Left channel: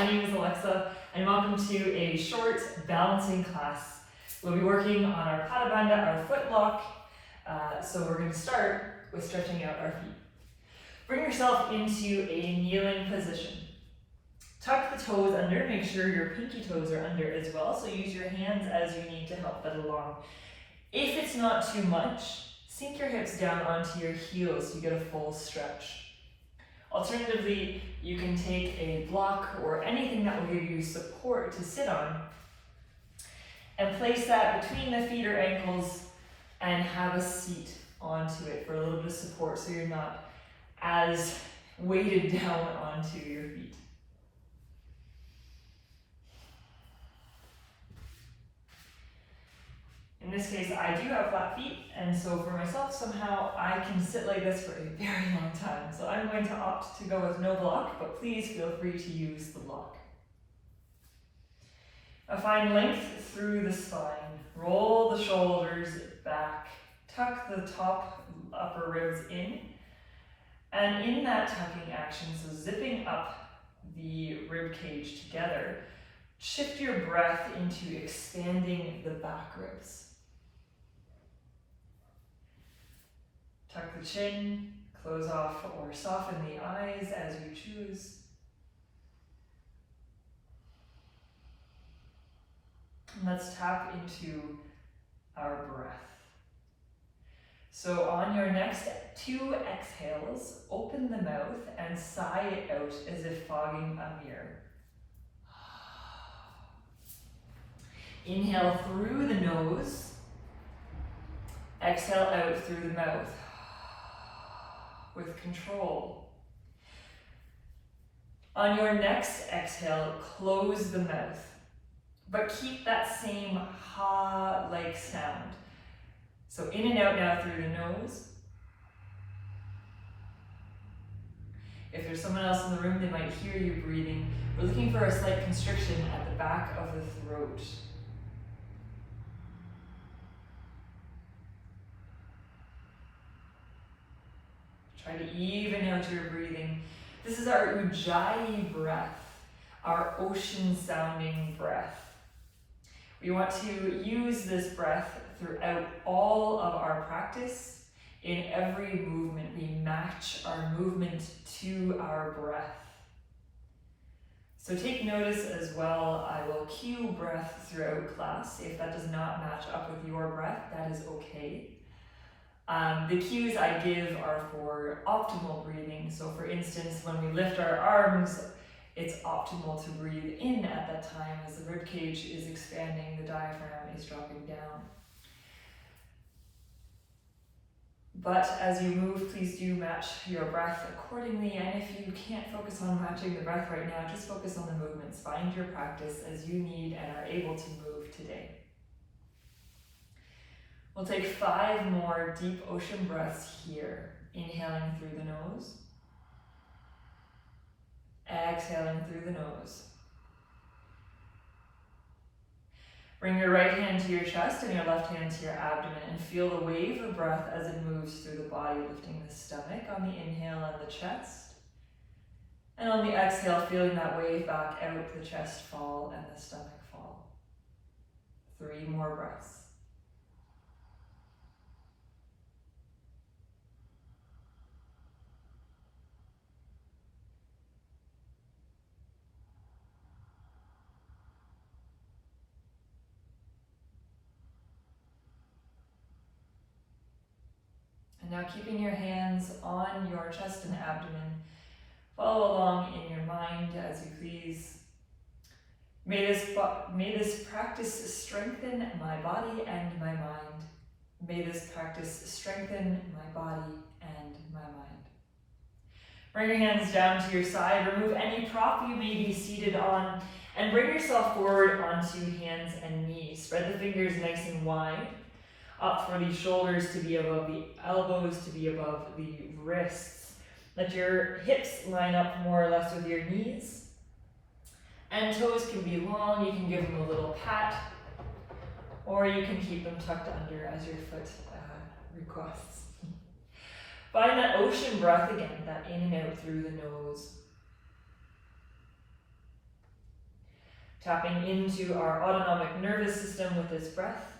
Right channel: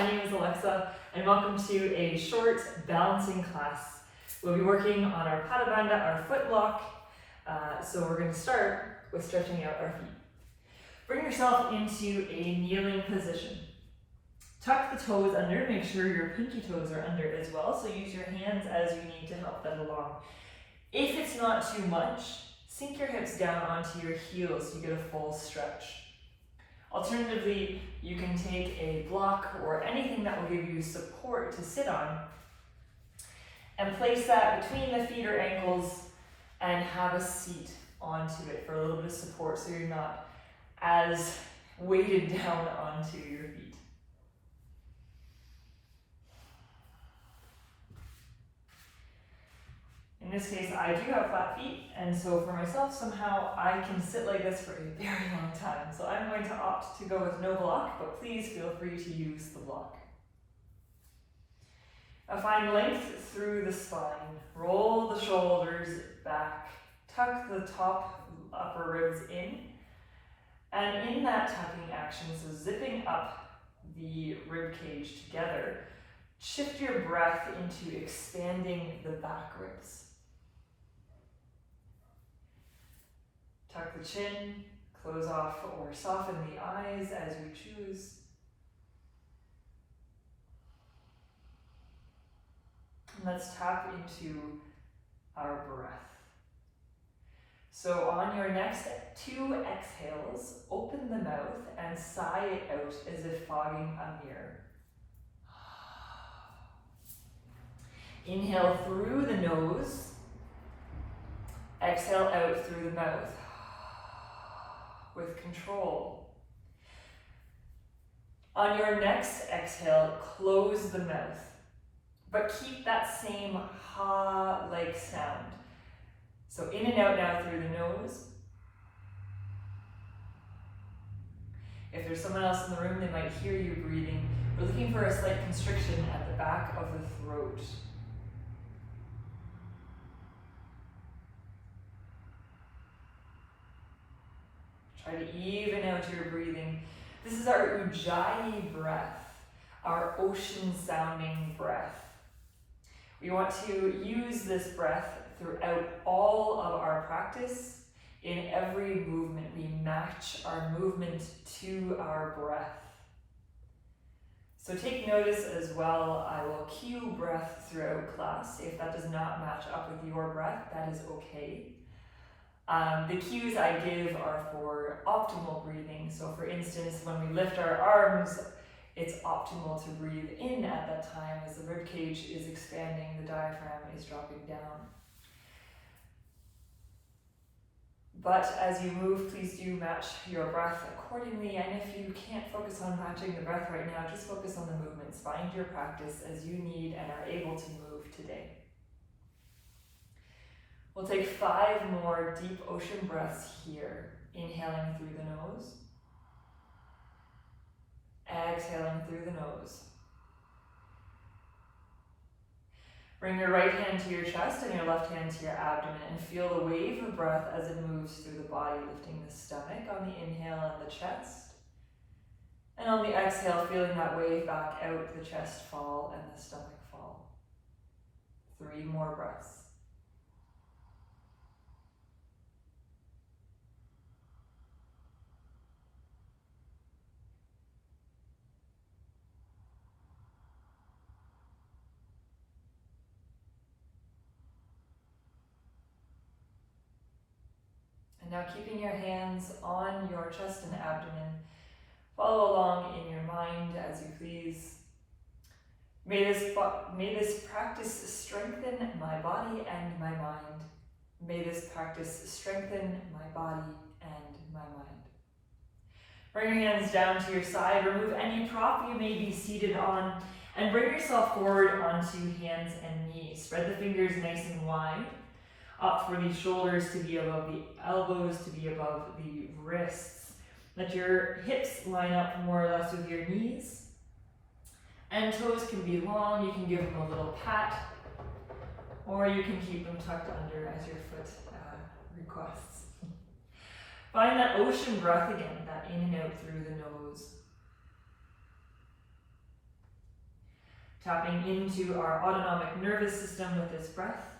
my name is Alexa, and welcome to a short balancing class. We'll be working on our Bandha, our foot lock. So we're going to start with stretching out our feet. Bring yourself into a kneeling position. Tuck the toes under, make sure your pinky toes are under as well, so use your hands as you need to help that along. If it's not too much, sink your hips down onto your heels so you get a full stretch. Alternatively, you can take a block or anything that will give you support to sit on and place that between the feet or ankles and have a seat onto it for a little bit of support so you're not as weighted down onto your feet. In this case, I do have flat feet, and so for myself, somehow I can sit like this for a very long time. So I'm going to opt to go with no block, but please feel free to use the block. Find length through the spine. Roll the shoulders back. Tuck the top upper ribs in. And in that tucking action, so zipping up the rib cage together, shift your breath into expanding the back ribs. Tuck the chin, close off or soften the eyes as you choose. And let's tap into our breath. So on your next 2 exhales, open the mouth and sigh it out as if fogging a mirror. Inhale through the nose, exhale out through the mouth with control. On your next exhale, close the mouth, but keep that same ha-like sound. So in and out now through the nose. If there's someone else in the room, they might hear you breathing. We're looking for a slight constriction at the back of the throat. Try to even out your breathing. This is our Ujjayi breath, our ocean sounding breath. We want to use this breath throughout all of our practice. In every movement, we match our movement to our breath. So take notice as well. I will cue breath throughout class. If that does not match up with your breath, that is okay. The cues I give are for optimal breathing. So for instance, when we lift our arms, it's optimal to breathe in at that time as the rib cage is expanding, the diaphragm is dropping down. But as you move, please do match your breath accordingly. And if you can't focus on matching the breath right now, just focus on the movements. Find your practice as you need and are able to move today. We'll take 5 more deep ocean breaths here. Inhaling through the nose. Exhaling through the nose. Bring your right hand to your chest and your left hand to your abdomen and feel the wave of breath as it moves through the body, lifting the stomach on the inhale and the chest. And on the exhale, feeling that wave back out, the chest fall and the stomach fall. 3 more breaths. Now keeping your hands on your chest and abdomen, follow along in your mind as you please. May this practice strengthen my body and my mind. May this practice strengthen my body and my mind. Bring your hands down to your side, remove any prop you may be seated on, and bring yourself forward onto hands and knees. Spread the fingers nice and wide. Opt for the shoulders to be above the elbows, to be above the wrists. Let your hips line up more or less with your knees. And toes can be long. You can give them a little pat, or you can keep them tucked under as your foot requests. Find that ocean breath again, that in and out through the nose. tapping into our autonomic nervous system with this breath,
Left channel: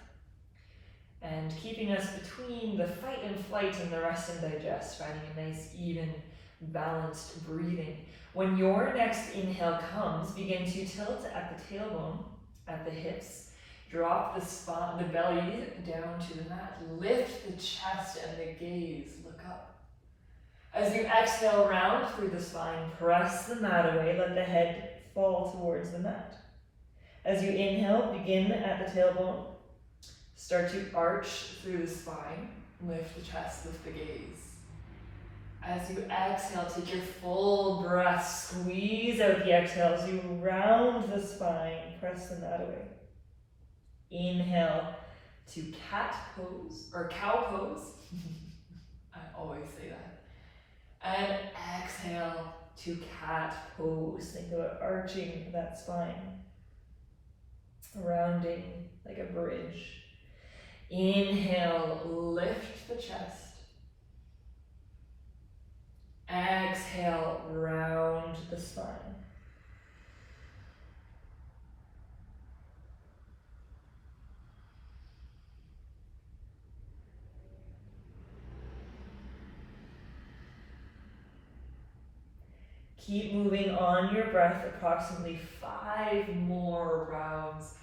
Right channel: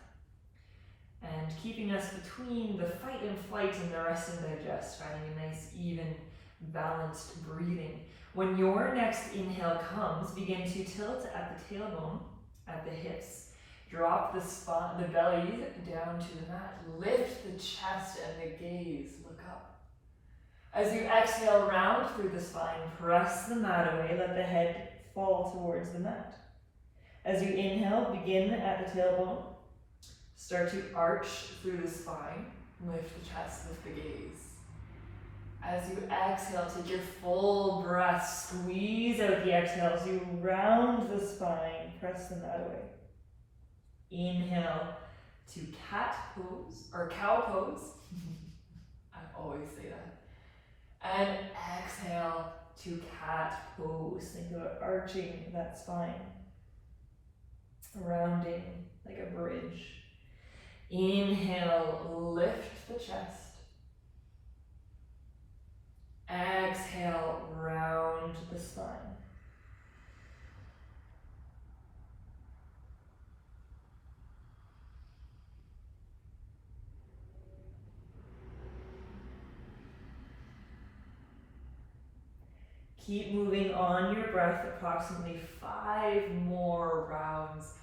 and keeping us between the fight and flight and the rest and digest, finding a nice, even, balanced breathing. When your next inhale comes, begin to tilt at the tailbone, at the hips. Drop the belly down to the mat. Lift the chest and the gaze. Look up. As you exhale, round through the spine. Press the mat away. Let the head fall towards the mat. As you inhale, begin at the tailbone. Start to arch through the spine. Lift the chest, lift the gaze. As you exhale, take your full breath. Squeeze out the exhale as you round the spine. Press the mat away. Inhale to cat pose, or cow pose. I always say that. And exhale to cat pose. Think about arching that spine. Rounding like a bridge. Inhale, lift the chest. Exhale, round the spine. Keep moving on your breath, approximately 5 more rounds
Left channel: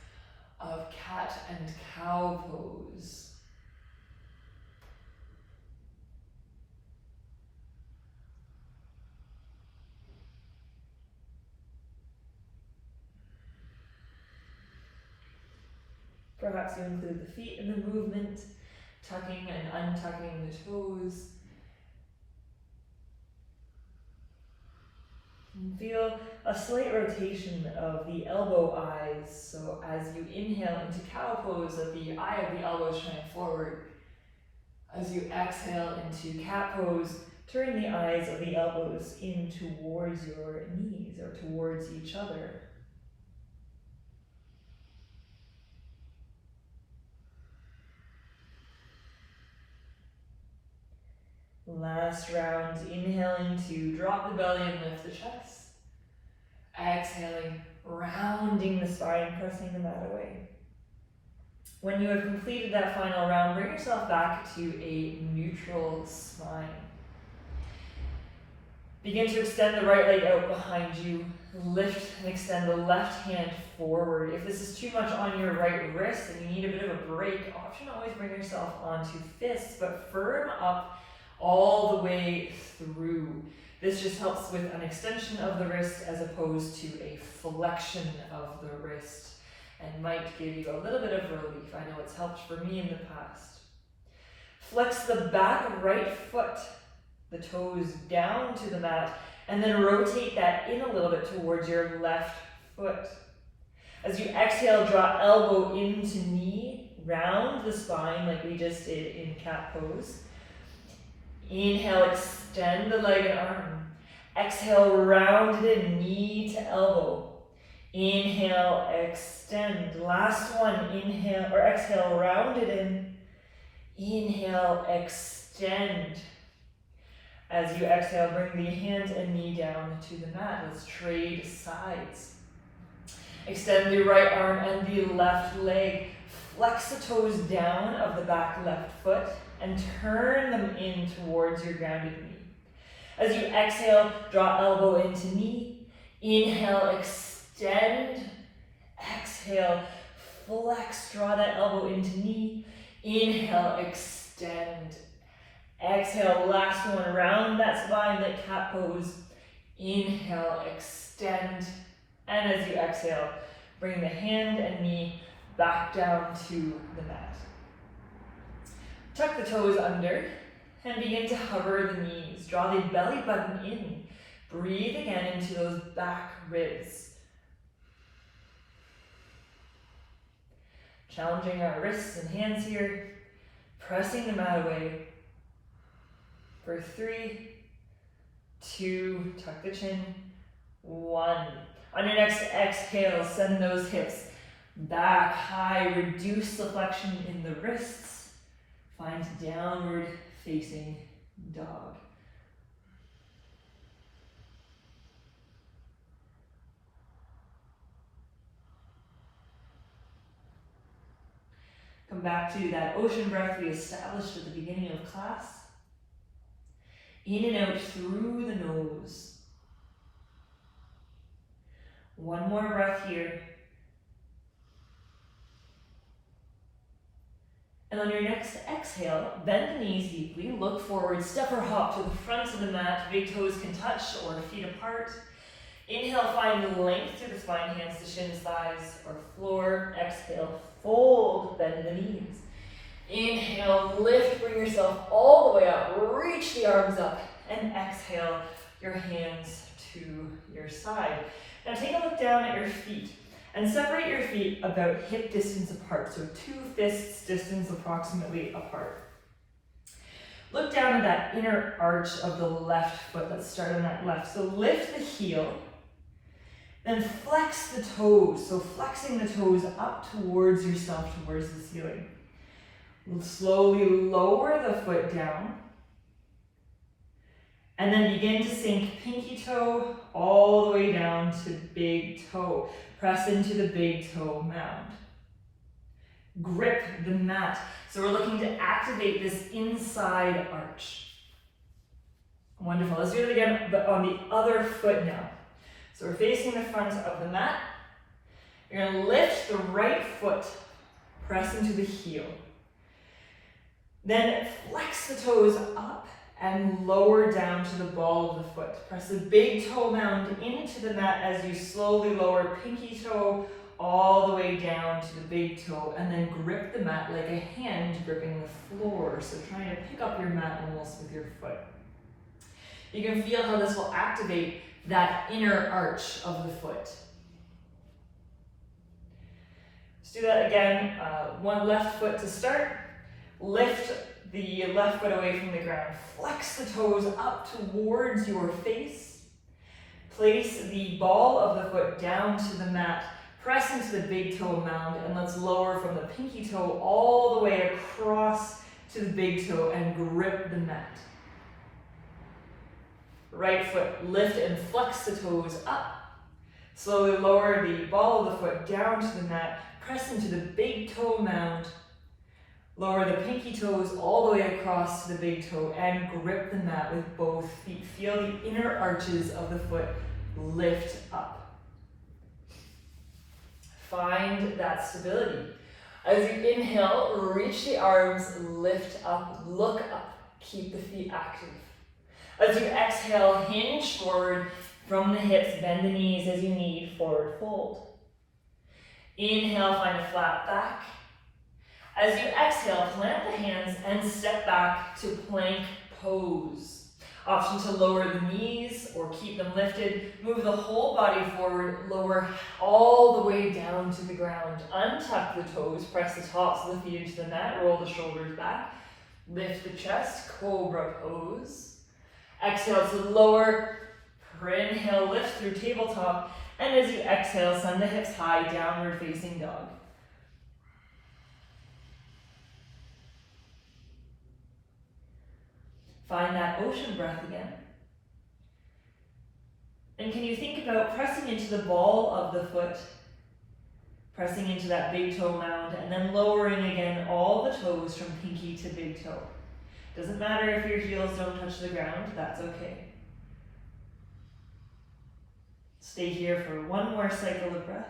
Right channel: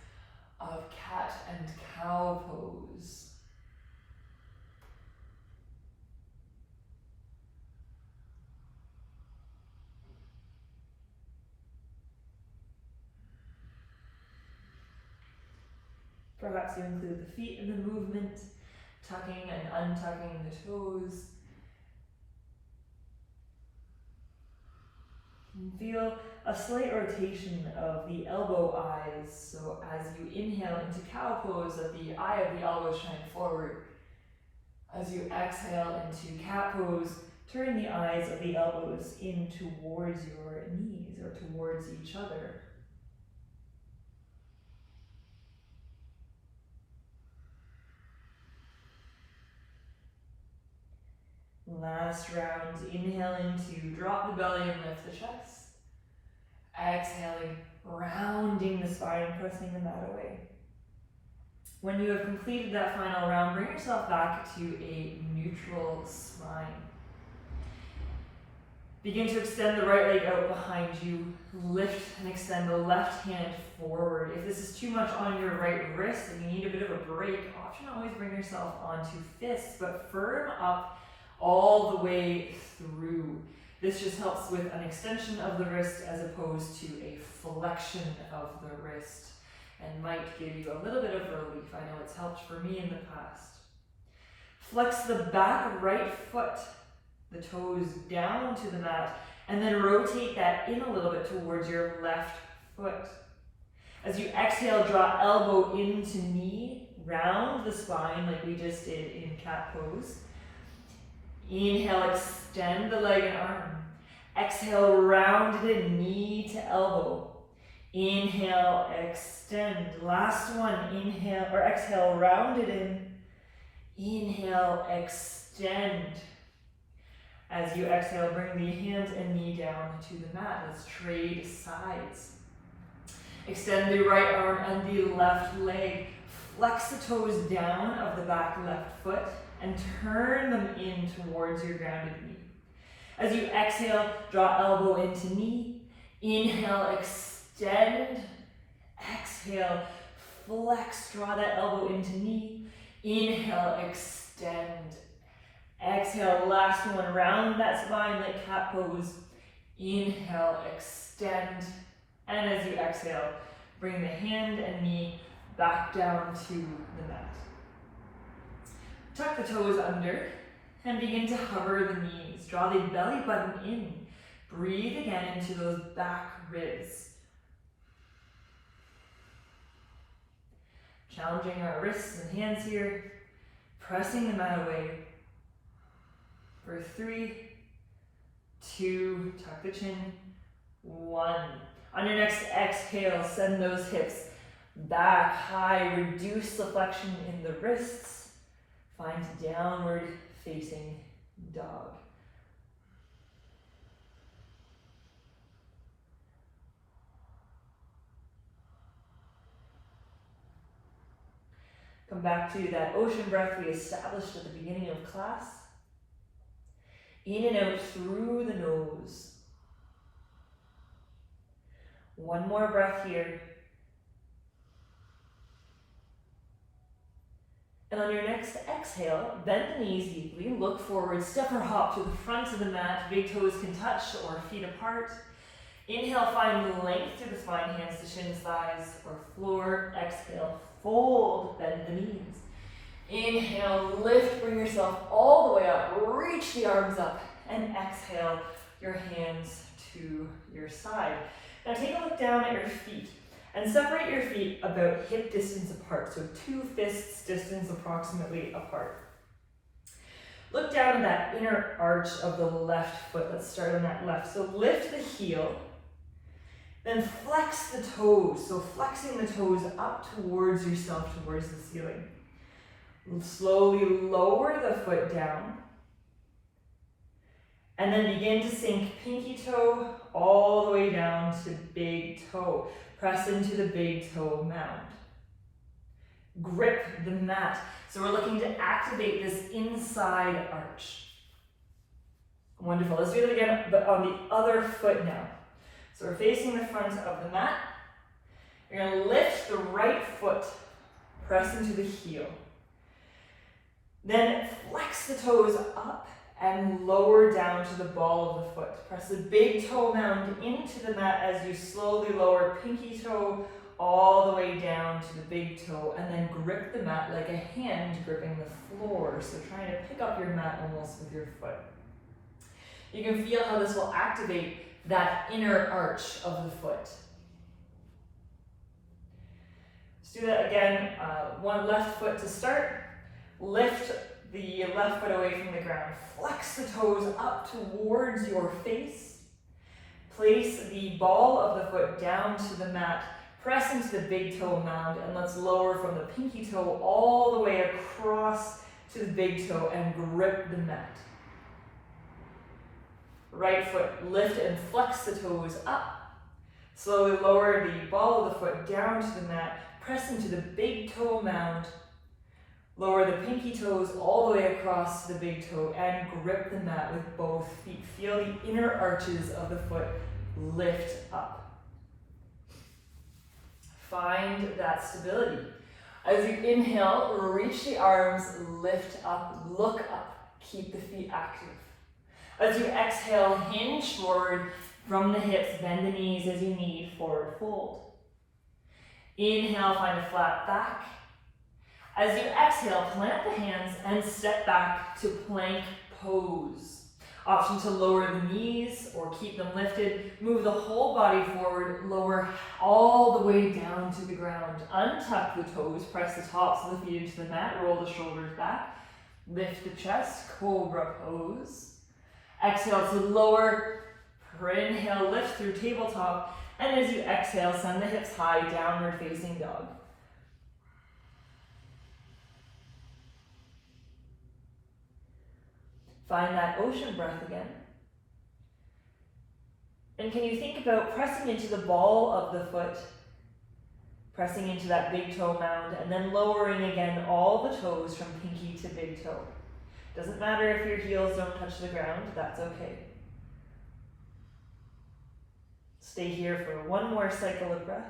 of cat and cow pose. Perhaps you include the feet in the movement, tucking and untucking the toes. And feel a slight rotation of the elbow eyes. So as you inhale into cow pose, let the eye of the elbow shine forward. As you exhale into cat pose, turn the eyes of the elbows in towards your knees or towards each other. Last round, inhaling to drop the belly and lift the chest. Exhaling, rounding the spine, pressing the mat away. When you have completed that final round, bring yourself back to a neutral spine. Begin to extend the right leg out behind you. Lift and extend the left hand forward. If this is too much on your right wrist and you need a bit of a break, option always bring yourself onto fists, but firm up all the way through. This just helps with an extension of the wrist as opposed to a flexion of the wrist and might give you a little bit of relief. I know it's helped for me in the past. Flex the back right foot, the toes down to the mat, and then rotate that in a little bit towards your left foot. As you exhale, draw elbow into knee, round the spine like we just did in cat pose. Inhale, extend the leg and arm. Exhale, round it in, knee to elbow. Inhale, extend. Last one, inhale, or exhale, round it in. Inhale, extend. As you exhale, bring the hand and knee down to the mat. Let's trade sides. Extend the right arm and the left leg. Flex the toes down of the back left foot and turn them in towards your grounded knee. As you exhale, draw elbow into knee. Inhale, extend. Exhale, flex, draw that elbow into knee. Inhale, extend. Exhale, last one, round that spine like cat pose. Inhale, extend. And as you exhale, bring the hand and knee back down to the mat. Tuck the toes under and begin to hover the knees. Draw the belly button in. Breathe again into those back ribs. Challenging our wrists and hands here. Pressing the mat away. For 3, 2, tuck the chin. 1. On your next exhale, send those hips back high. Reduce the flexion in the wrists. Find downward facing dog. Come back to that ocean breath we established at the beginning of class. In and out through the nose. One more breath here. And on your next exhale, bend the knees deeply, look forward, step or hop to the front of the mat. Big toes can touch or feet apart. Inhale, find length through the flying hands to shins, thighs, or floor. Exhale, fold, bend the knees. Inhale, lift, bring yourself all the way up, reach the arms up, and exhale, your hands to your side. Now take a look down at your feet and separate your feet about hip distance apart, so 2 fists distance approximately apart. Look down at that inner arch of the left foot. Let's start on that left. So lift the heel, then flex the toes. So flexing the toes up towards yourself, towards the ceiling. Slowly lower the foot down. And then begin to sink pinky toe all the way down to big toe. Press into the big toe mound. Grip the mat. So we're looking to activate this inside arch. Wonderful. Let's do it again, but on the other foot now. So we're facing the front of the mat. You're going to lift the right foot, press into the heel. Then flex the toes up and lower down to the ball of the foot. Press the big toe mound into the mat as you slowly lower pinky toe all the way down to the big toe, and then grip the mat like a hand gripping the floor. So trying to pick up your mat almost with your foot. You can feel how this will activate that inner arch of the foot. Let's do that again. One left foot to start. Lift the left foot away from the ground. Flex the toes up towards your face. Place the ball of the foot down to the mat. Press into the big toe mound, and let's lower from the pinky toe all the way across to the big toe and grip the mat. Right foot, lift and flex the toes up. Slowly lower the ball of the foot down to the mat. Press into the big toe mound. Lower the pinky toes all the way across to the big toe and grip the mat with both feet. Feel the inner arches of the foot lift up. Find that stability. As you inhale, reach the arms, lift up, look up, keep the feet active. As you exhale, hinge forward from the hips, bend the knees as you need, forward fold. Inhale, find a flat back. As you exhale, plant the hands and step back to plank pose. Option to lower the knees or keep them lifted. Move the whole body forward, lower all the way down to the ground. Untuck the toes, press the tops of the feet into the mat, roll the shoulders back. Lift the chest, cobra pose. Exhale to lower, inhale, lift through tabletop. And as you exhale, send the hips high, downward facing dog. Find that ocean breath again. And can you think about pressing into the ball of the foot, pressing into that big toe mound, and then lowering again all the toes from pinky to big toe. Doesn't matter if your heels don't touch the ground, that's okay. Stay here for one more cycle of breath.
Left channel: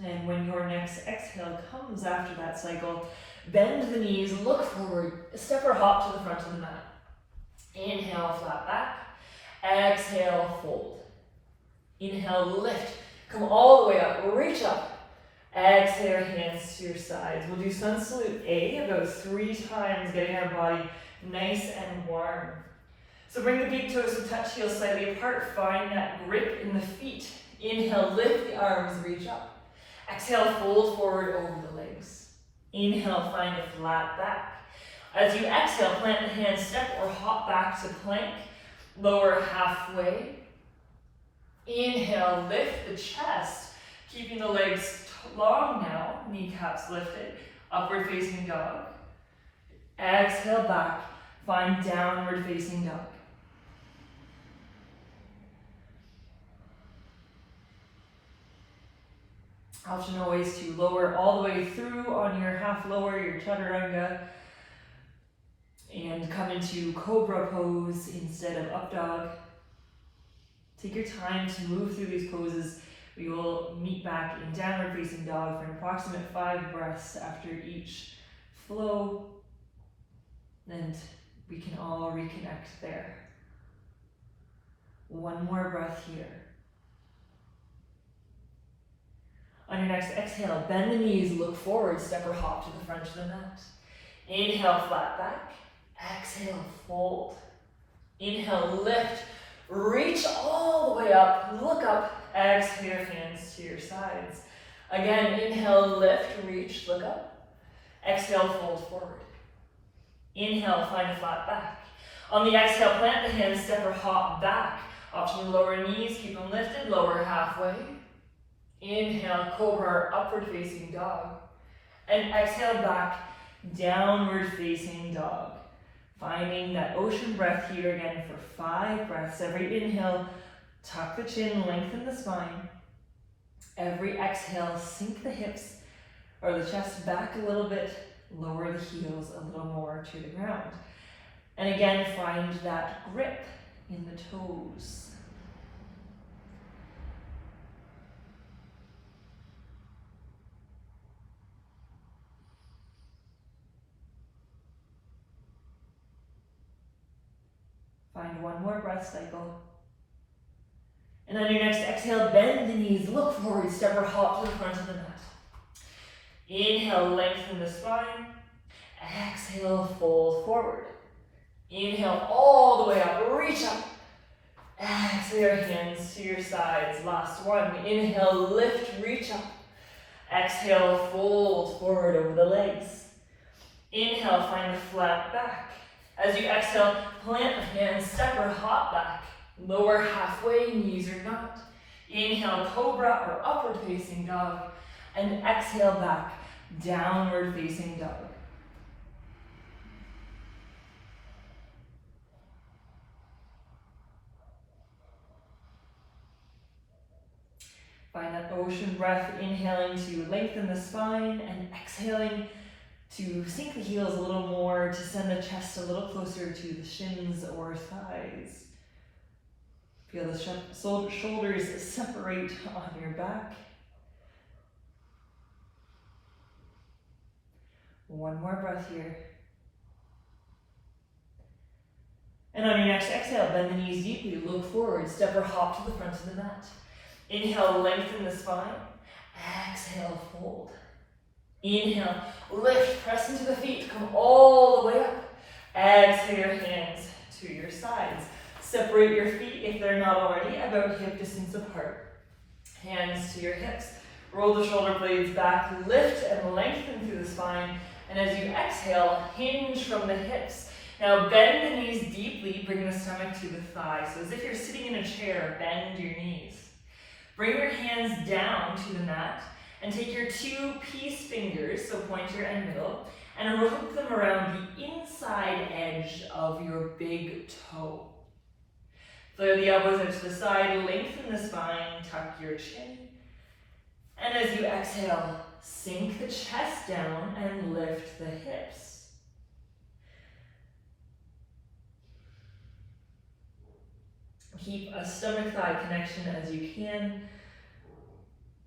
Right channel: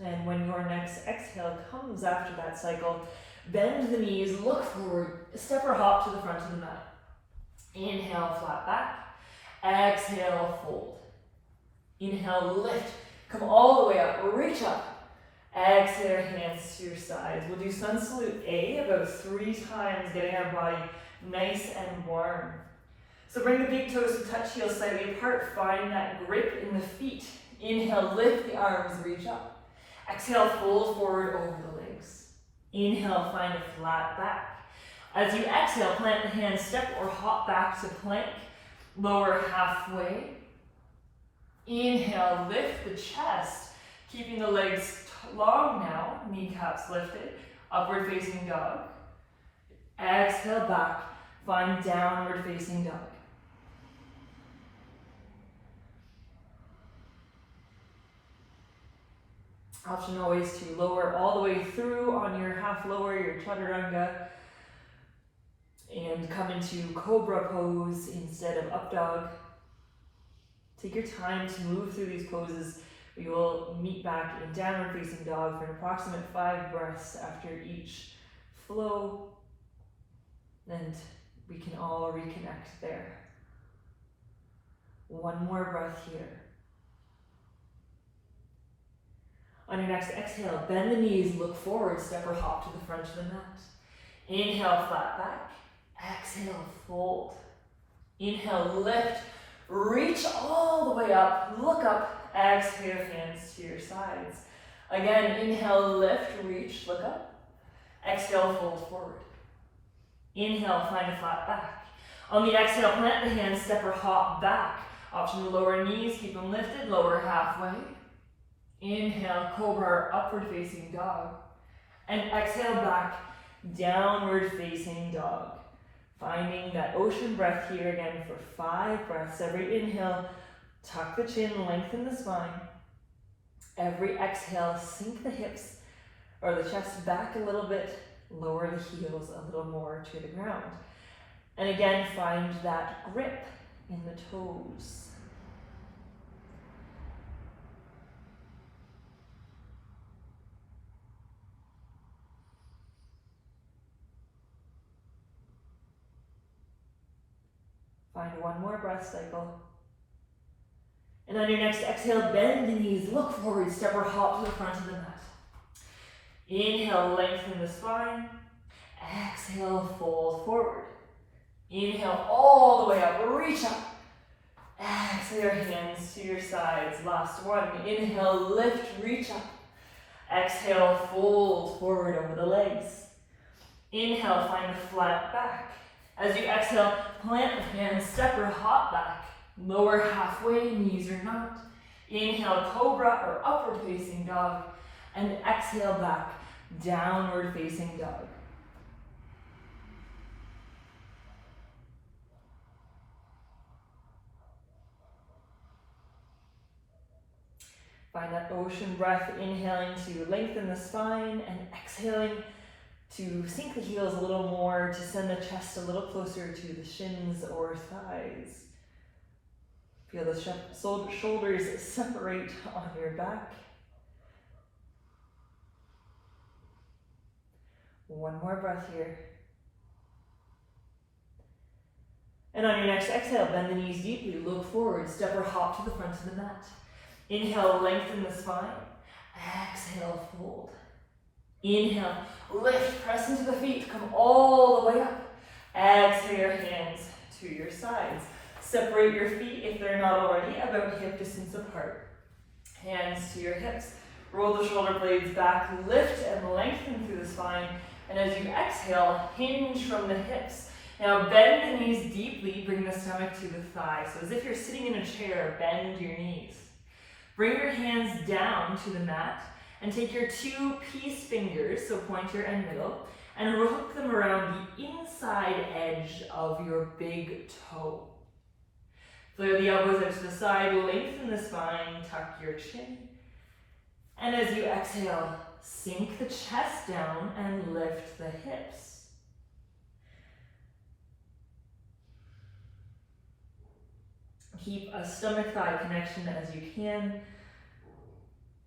And when your next exhale comes after that cycle, bend the knees, look forward, step or hop to the front of the mat. Inhale, flat back. Exhale, fold. Inhale, lift. Come all the way up, reach up. Exhale, hands to your sides. We'll do sun salute A about 3 times, getting our body nice and warm. So bring the big toes to touch, heels slightly apart. Find that grip in the feet. Inhale, lift the arms, reach up. Exhale, fold forward over the legs. Inhale, find a flat back. As you exhale, plant the hands, step or hop back to plank. Lower halfway. Inhale, lift the chest, keeping the legs long now, kneecaps lifted, upward facing dog. Exhale back, find downward facing dog. Option always to lower all the way through on your half lower, your chaturanga, and come into cobra pose instead of up dog. Take your time to move through these poses. We will meet back in downward facing dog for an approximate 5 breaths after each flow, and we can all reconnect there. One more breath here. On your next exhale, bend the knees, look forward, step or hop to the front of the mat. Inhale, flat back. Exhale, fold. Inhale, lift. Reach all the way up, look up, exhale your hands to your sides. Again, inhale, lift, reach, look up. Exhale, fold forward. Inhale, find a flat back. On the exhale, plant the hands, step or hop back. Option to lower knees, keep them lifted, lower halfway. Inhale, cobra or upward facing dog. And exhale back, downward facing dog. Finding that ocean breath here again for 5 breaths. Every inhale, tuck the chin, lengthen the spine. Every exhale, sink the hips or the chest back a little bit, lower the heels a little more to the ground. And again, find that grip in the toes. Find one more breath cycle. And on your next exhale, bend the knees, look forward, step or hop to the front of the mat. Inhale, lengthen the spine. Exhale, fold forward. Inhale, all the way up, reach up. Exhale your hands to your sides. Last one. Inhale, lift, reach up. Exhale, fold forward over the legs. Inhale, find a flat back. As you exhale, plant the hands, step or hop back. Lower halfway, knees or not. Inhale, cobra or upward facing dog. And exhale back, downward facing dog. Find that ocean breath, inhaling to lengthen the spine and exhaling to sink the heels a little more, to send the chest a little closer to the shins or thighs. Feel the shoulders separate on your back. One more breath here. And on your next exhale, bend the knees deeply, look forward, step or hop to the front of the mat. Inhale, lengthen the spine. Exhale, fold. Inhale, lift, press into the feet, come all the way up. Exhale your hands to your sides. Separate your feet, if they're not already, about hip distance apart. Hands to your hips. Roll the shoulder blades back, lift and lengthen through the spine. And as you exhale, hinge from the hips. Now bend the knees deeply, bring the stomach to the thighs. So as if you're sitting in a chair, bend your knees. Bring your hands down to the mat and take your 2 peace fingers, so pointer and middle, and rope them around the inside edge of your big toe. Flare the elbows out to the side, lengthen the spine, tuck your chin. And as you exhale, sink the chest down and lift the hips. Keep a stomach-thigh connection as you can.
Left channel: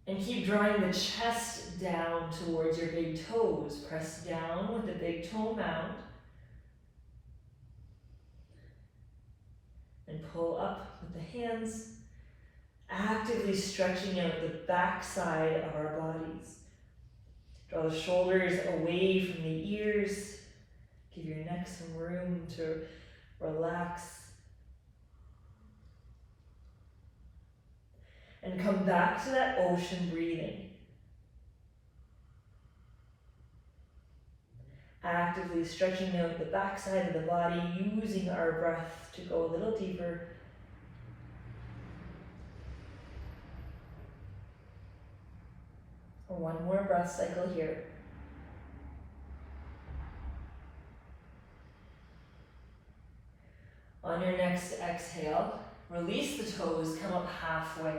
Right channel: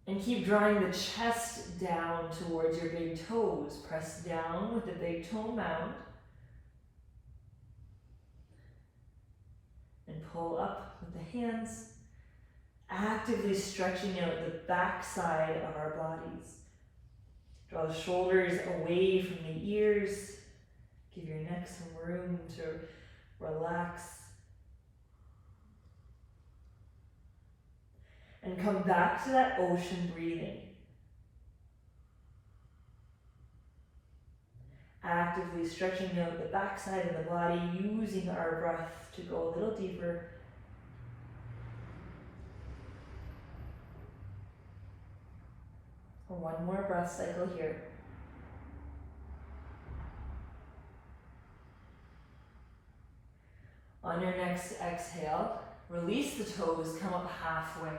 And keep drawing the chest down towards your big toes. Press down with the big toe mound. And pull up with the hands, actively stretching out the back side of our bodies. Draw the shoulders away from the ears. Give your neck some room to relax. And come back to that ocean breathing. Actively stretching out the back side of the body, using our breath to go a little deeper. One more breath cycle here. On your next exhale, release the toes, come up halfway.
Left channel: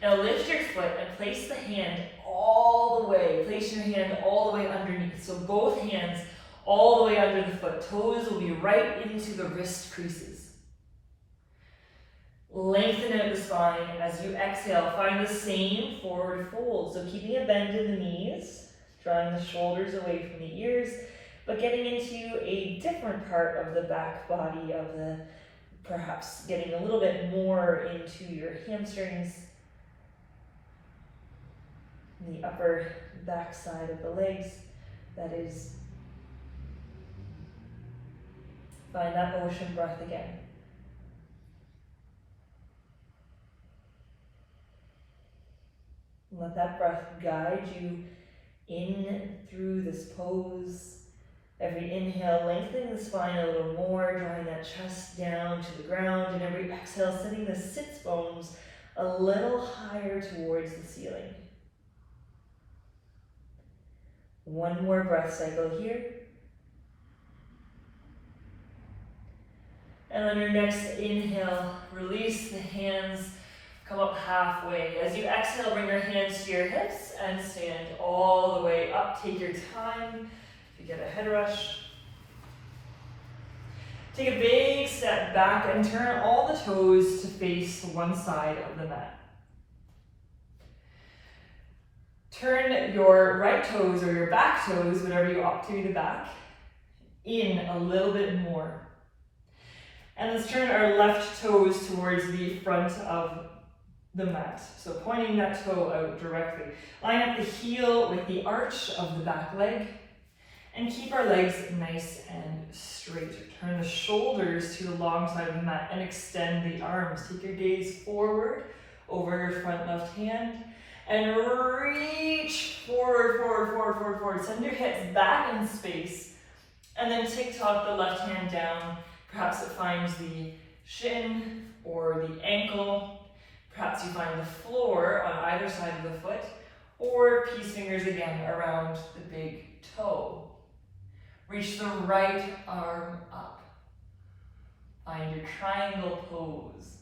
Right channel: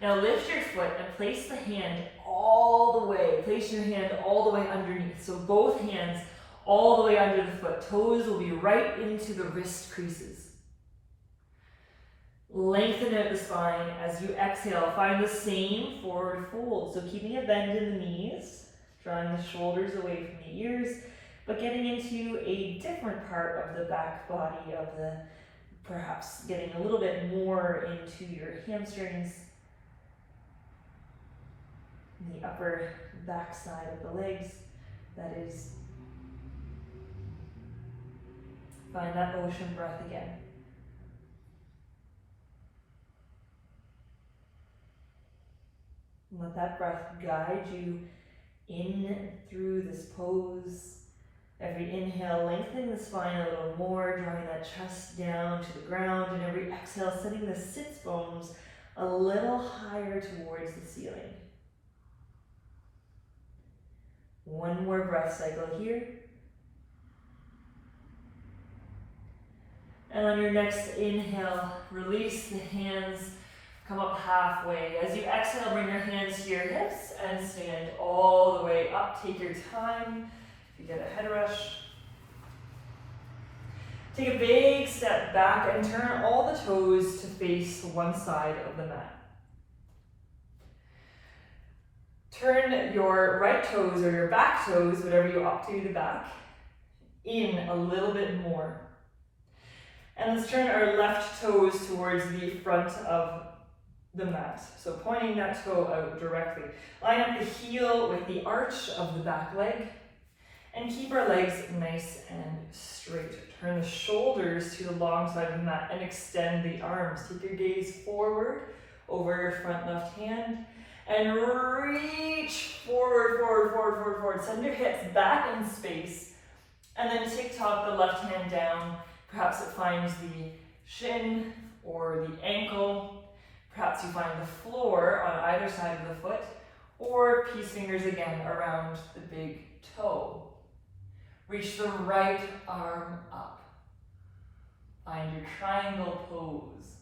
Now lift your foot and place the hand all the way. Place your hand all the way underneath. So both hands all the way under the foot. Toes will be right into the wrist creases. Lengthen out the spine as you exhale. Find the same forward fold. So keeping a bend in the knees, drawing the shoulders away from the ears, but getting into a different part of the back body of the, perhaps getting a little bit more into your hamstrings, the upper back side of the legs. That is, find that ocean breath again. Let that breath guide you in through this pose. Every inhale, lengthening the spine a little more, drawing that chest down to the ground, and every exhale, sending the sits bones a little higher towards the ceiling. One more breath cycle here. And on your next inhale, release the hands, come up halfway. As you exhale, bring your hands to your hips and stand all the way up. Take your time. If you get a head rush, take a big step back and turn all the toes to face one side of the mat. Turn your right toes or your back toes, whatever you opt to do the back, in a little bit more. And let's turn our left toes towards the front of the mat. So pointing that toe out directly. Line up the heel with the arch of the back leg and keep our legs nice and straight. Turn the shoulders to the long side of the mat and extend the arms. Take your gaze forward over your front left hand and reach forward, forward, forward, forward, forward. Send your hips back in space and then tick-tock the left hand down. Perhaps it finds the shin or the ankle. Perhaps you find the floor on either side of the foot, or peace fingers again around the big toe. Reach the right arm up. Find your triangle pose.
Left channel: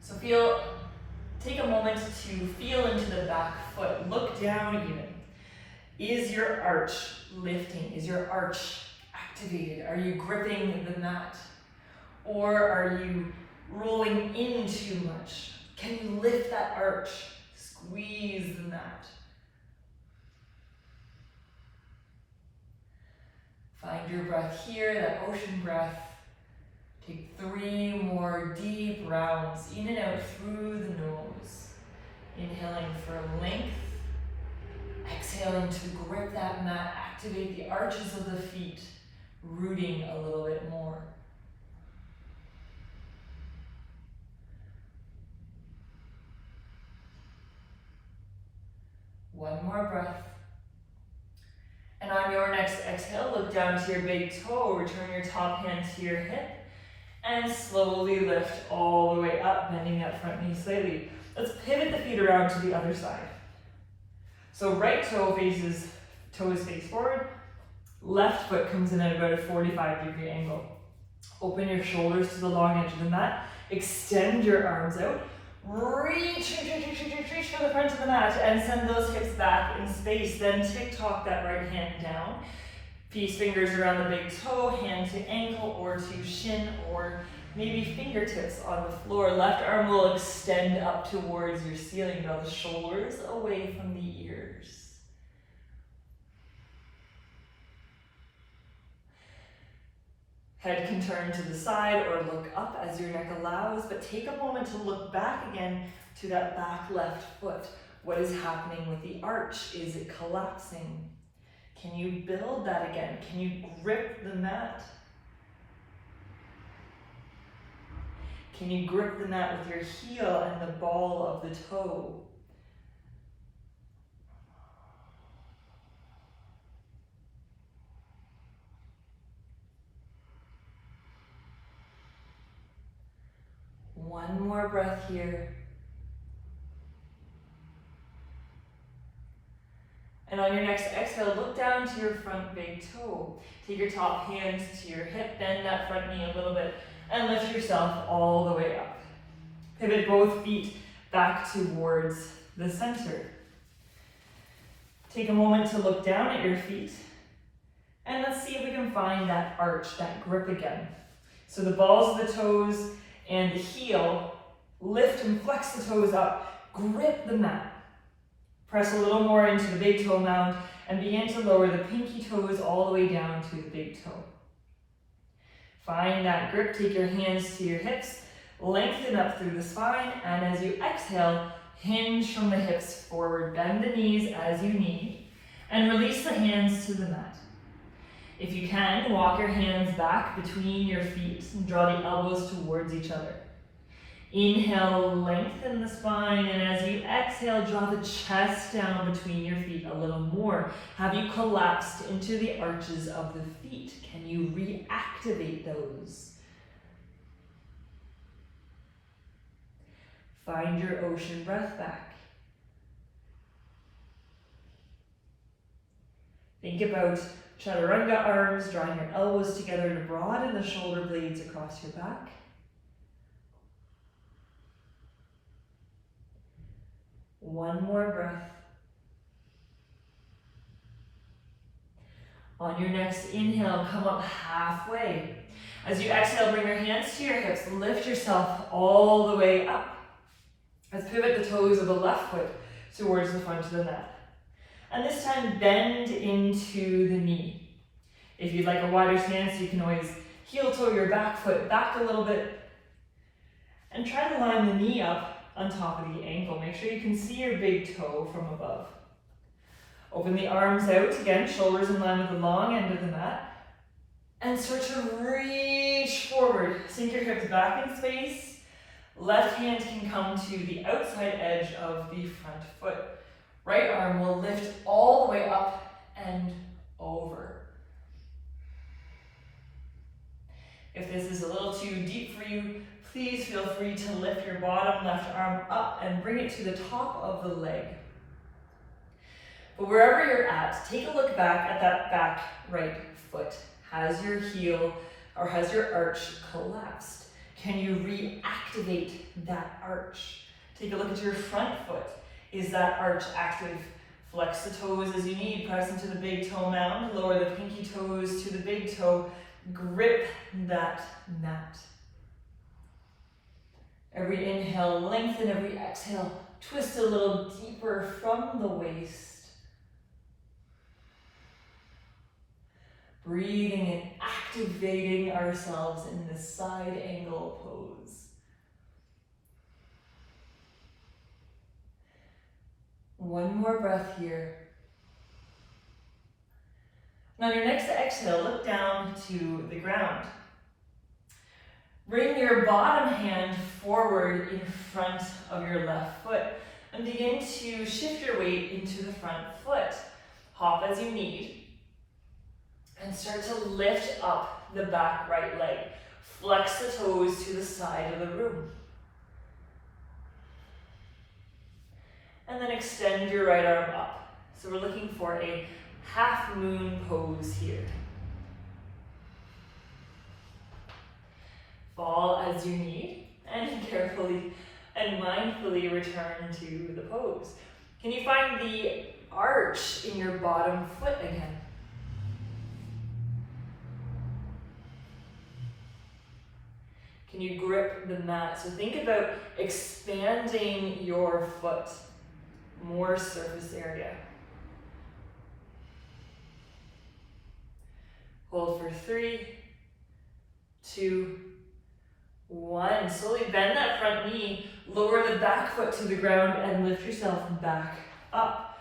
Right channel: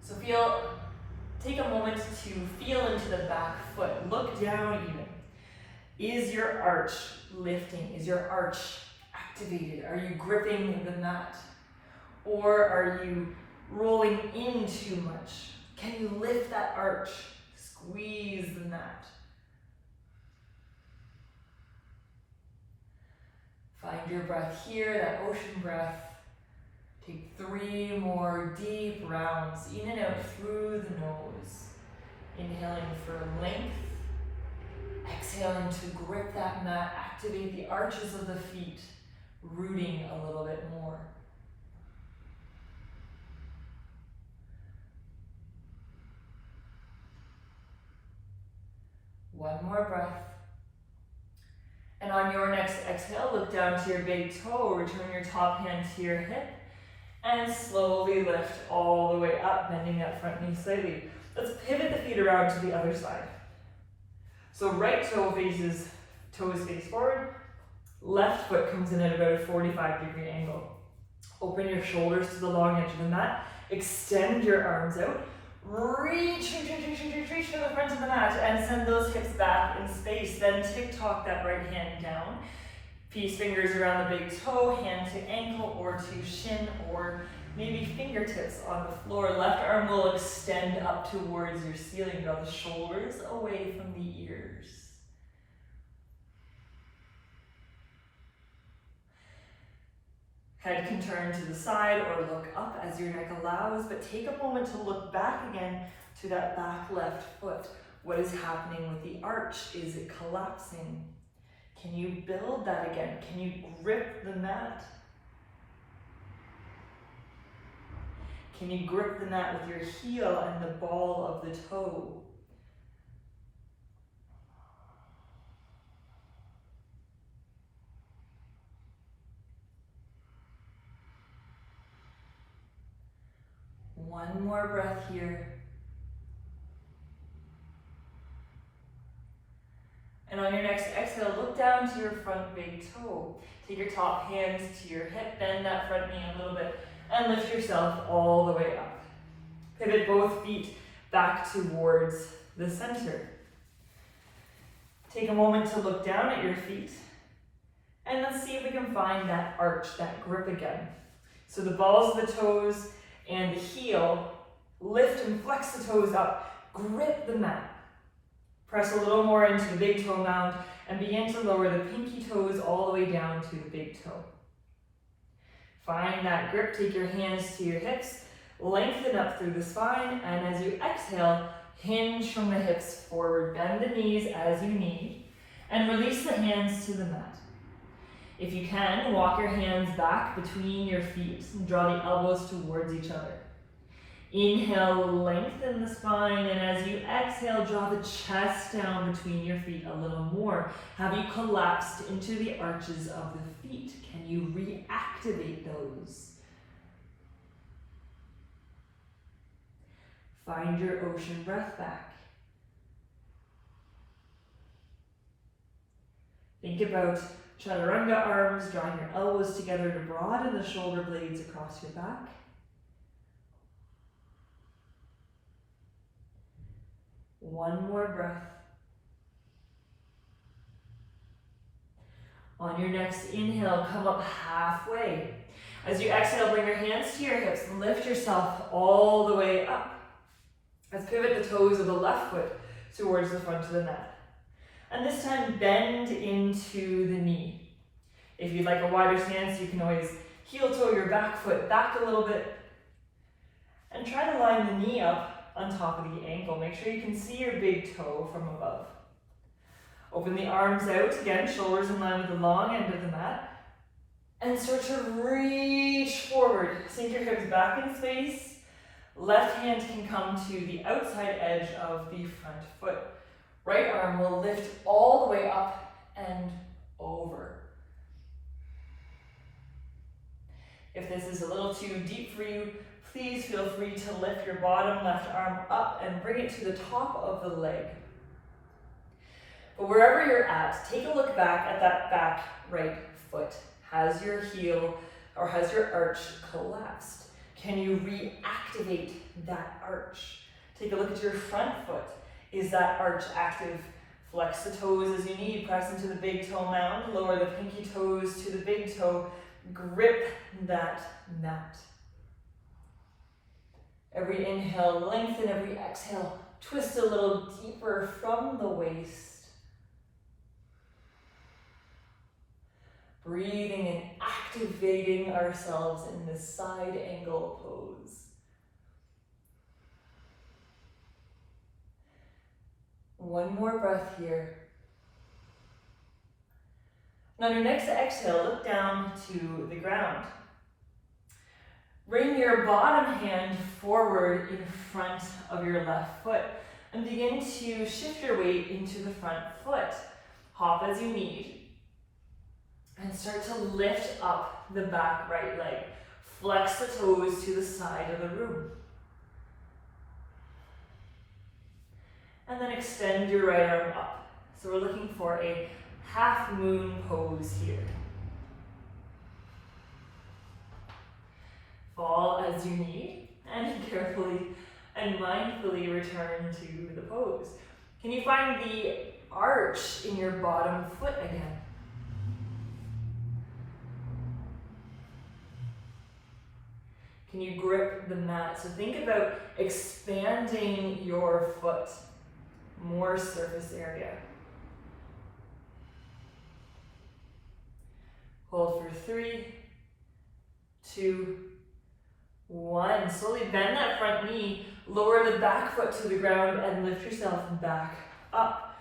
So take a moment to feel into the back foot. Look down even. Is your arch lifting? Is your arch activated? Are you gripping the mat? Or are you rolling in too much? Can you lift that arch? Squeeze the mat. Find your breath here, that ocean breath. Take 3 more deep rounds, in and out through the nose. Inhaling for length. Exhaling to grip that mat, activate the arches of the feet, rooting a little bit more. One more breath. And on your next exhale, look down to your big toe, return your top hand to your hip, and slowly lift all the way up, bending that front knee slightly. Let's pivot the feet around to the other side. So right toe faces, toes face forward, left foot comes in at about a 45-degree angle. Open your shoulders to the long edge of the mat, extend your arms out, reach to the front of the mat and send those hips back in space. Then tick-tock that right hand down. Peace fingers around the big toe, hand to ankle or to shin, or maybe fingertips on the floor. Left arm will extend up towards your ceiling. Draw the shoulders away from the ears. Head can turn to the side or look up as your neck allows, but take a moment to look back again to that back left foot. What is happening with the arch? Is it collapsing? Can you build that again? Can you grip the mat? Can you grip the mat with your heel and the ball of the toe? One more breath here. And on your next exhale, look down to your front big toe. Take your top hands to your hip, bend that front knee a little bit, and lift yourself all the way up. Pivot both feet back towards the center. Take a moment to look down at your feet. And let's see if we can find that arch, that grip again. So the balls of the toes and the heel, lift and flex the toes up, grip the mat. Press a little more into the big toe mound and begin to lower the pinky toes all the way down to the big toe. Find that grip, take your hands to your hips, lengthen up through the spine, and as you exhale, hinge from the hips forward, bend the knees as you need, and release the hands to the mat. If you can, walk your hands back between your feet and draw the elbows towards each other. Inhale, lengthen the spine, and as you exhale, draw the chest down between your feet a little more. Have you collapsed into the arches of the feet? Can you reactivate those? Find your ocean breath back. Think about chaturanga arms, drawing your elbows together to broaden the shoulder blades across your back. One more breath. On your next inhale, come up halfway. As you exhale, bring your hands to your hips, lift yourself all the way up. Let's pivot the toes of the left foot towards the front of the mat. And this time, bend into the knee. If you'd like a wider stance, you can always heel toe your back foot back a little bit. And try to line the knee up on top of the ankle. Make sure you can see your big toe from above. Open the arms out, again, shoulders in line with the long end of the mat. And start to reach forward. Sink your hips back in space. Left hand can come to the outside edge of the front foot. Right arm will lift all the way up and over. If this is a little too deep for you, please feel free to lift your bottom left arm up and bring it to the top of the leg. But wherever you're at, take a look back at that back right foot. Has your heel or has your arch collapsed? Can you reactivate that arch? Take a look at your front foot. Is that arch active? Flex the toes as you need. Press into the big toe mound. Lower the pinky toes to the big toe. Grip that mat. Every inhale, lengthen. Every exhale, twist a little deeper from the waist. Breathing and activating ourselves in this side angle pose. One more breath here. And on your next exhale, look down to the ground. Bring your bottom hand forward in front of your left foot and begin to shift your weight into the front foot. Hop as you need. And start to lift up the back right leg. Flex the toes to the side of the room. And then extend your right arm up. So we're looking for a half moon pose here. Fall as you need, and carefully and mindfully return to the pose. Can you find the arch in your bottom foot again? Can you grip the mat? So think about expanding your foot, more surface area. Hold for 3, 2, 1. Slowly bend that front knee, lower the back foot to the ground and lift yourself back up.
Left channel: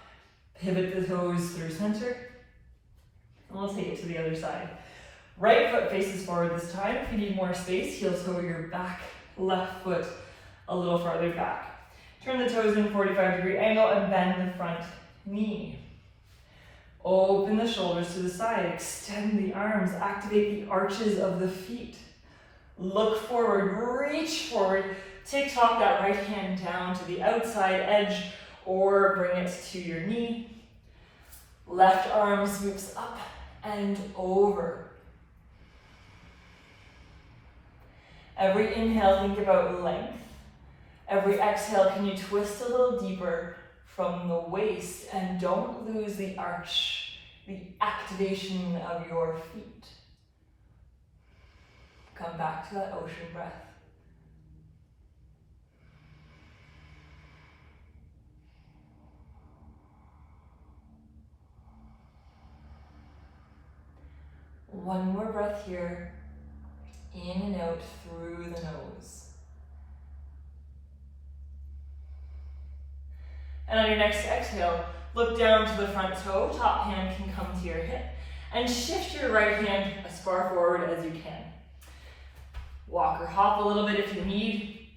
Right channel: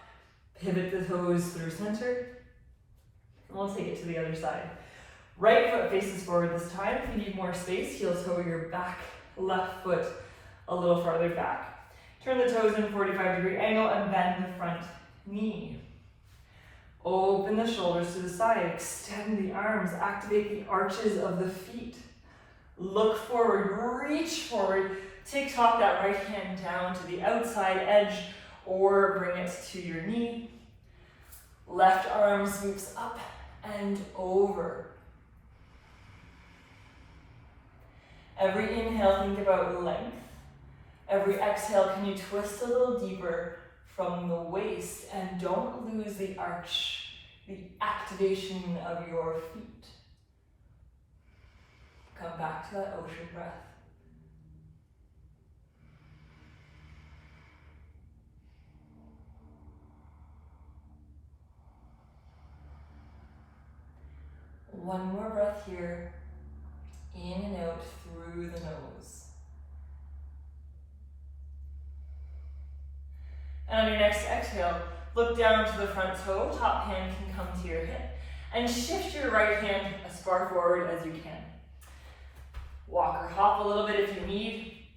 Pivot the toes through center. And we'll take it to the other side. Right foot faces forward this time. If you need more space, heel toe your back left foot a little farther back. Turn the toes in 45-degree angle and bend the front knee. Open the shoulders to the side, extend the arms, activate the arches of the feet. Look forward, reach forward, tick-tock that right hand down to the outside edge or bring it to your knee. Left arm swoops up and over. Every inhale, think about length. Every exhale, can you twist a little deeper from the waist and don't lose the arch, the activation of your feet. Come back to that ocean breath. One more breath here, in and out through the nose. And on your next exhale, look down to the front toe, top hand can come to your hip, and shift your right hand as far forward as you can. Walk or hop a little bit if you need,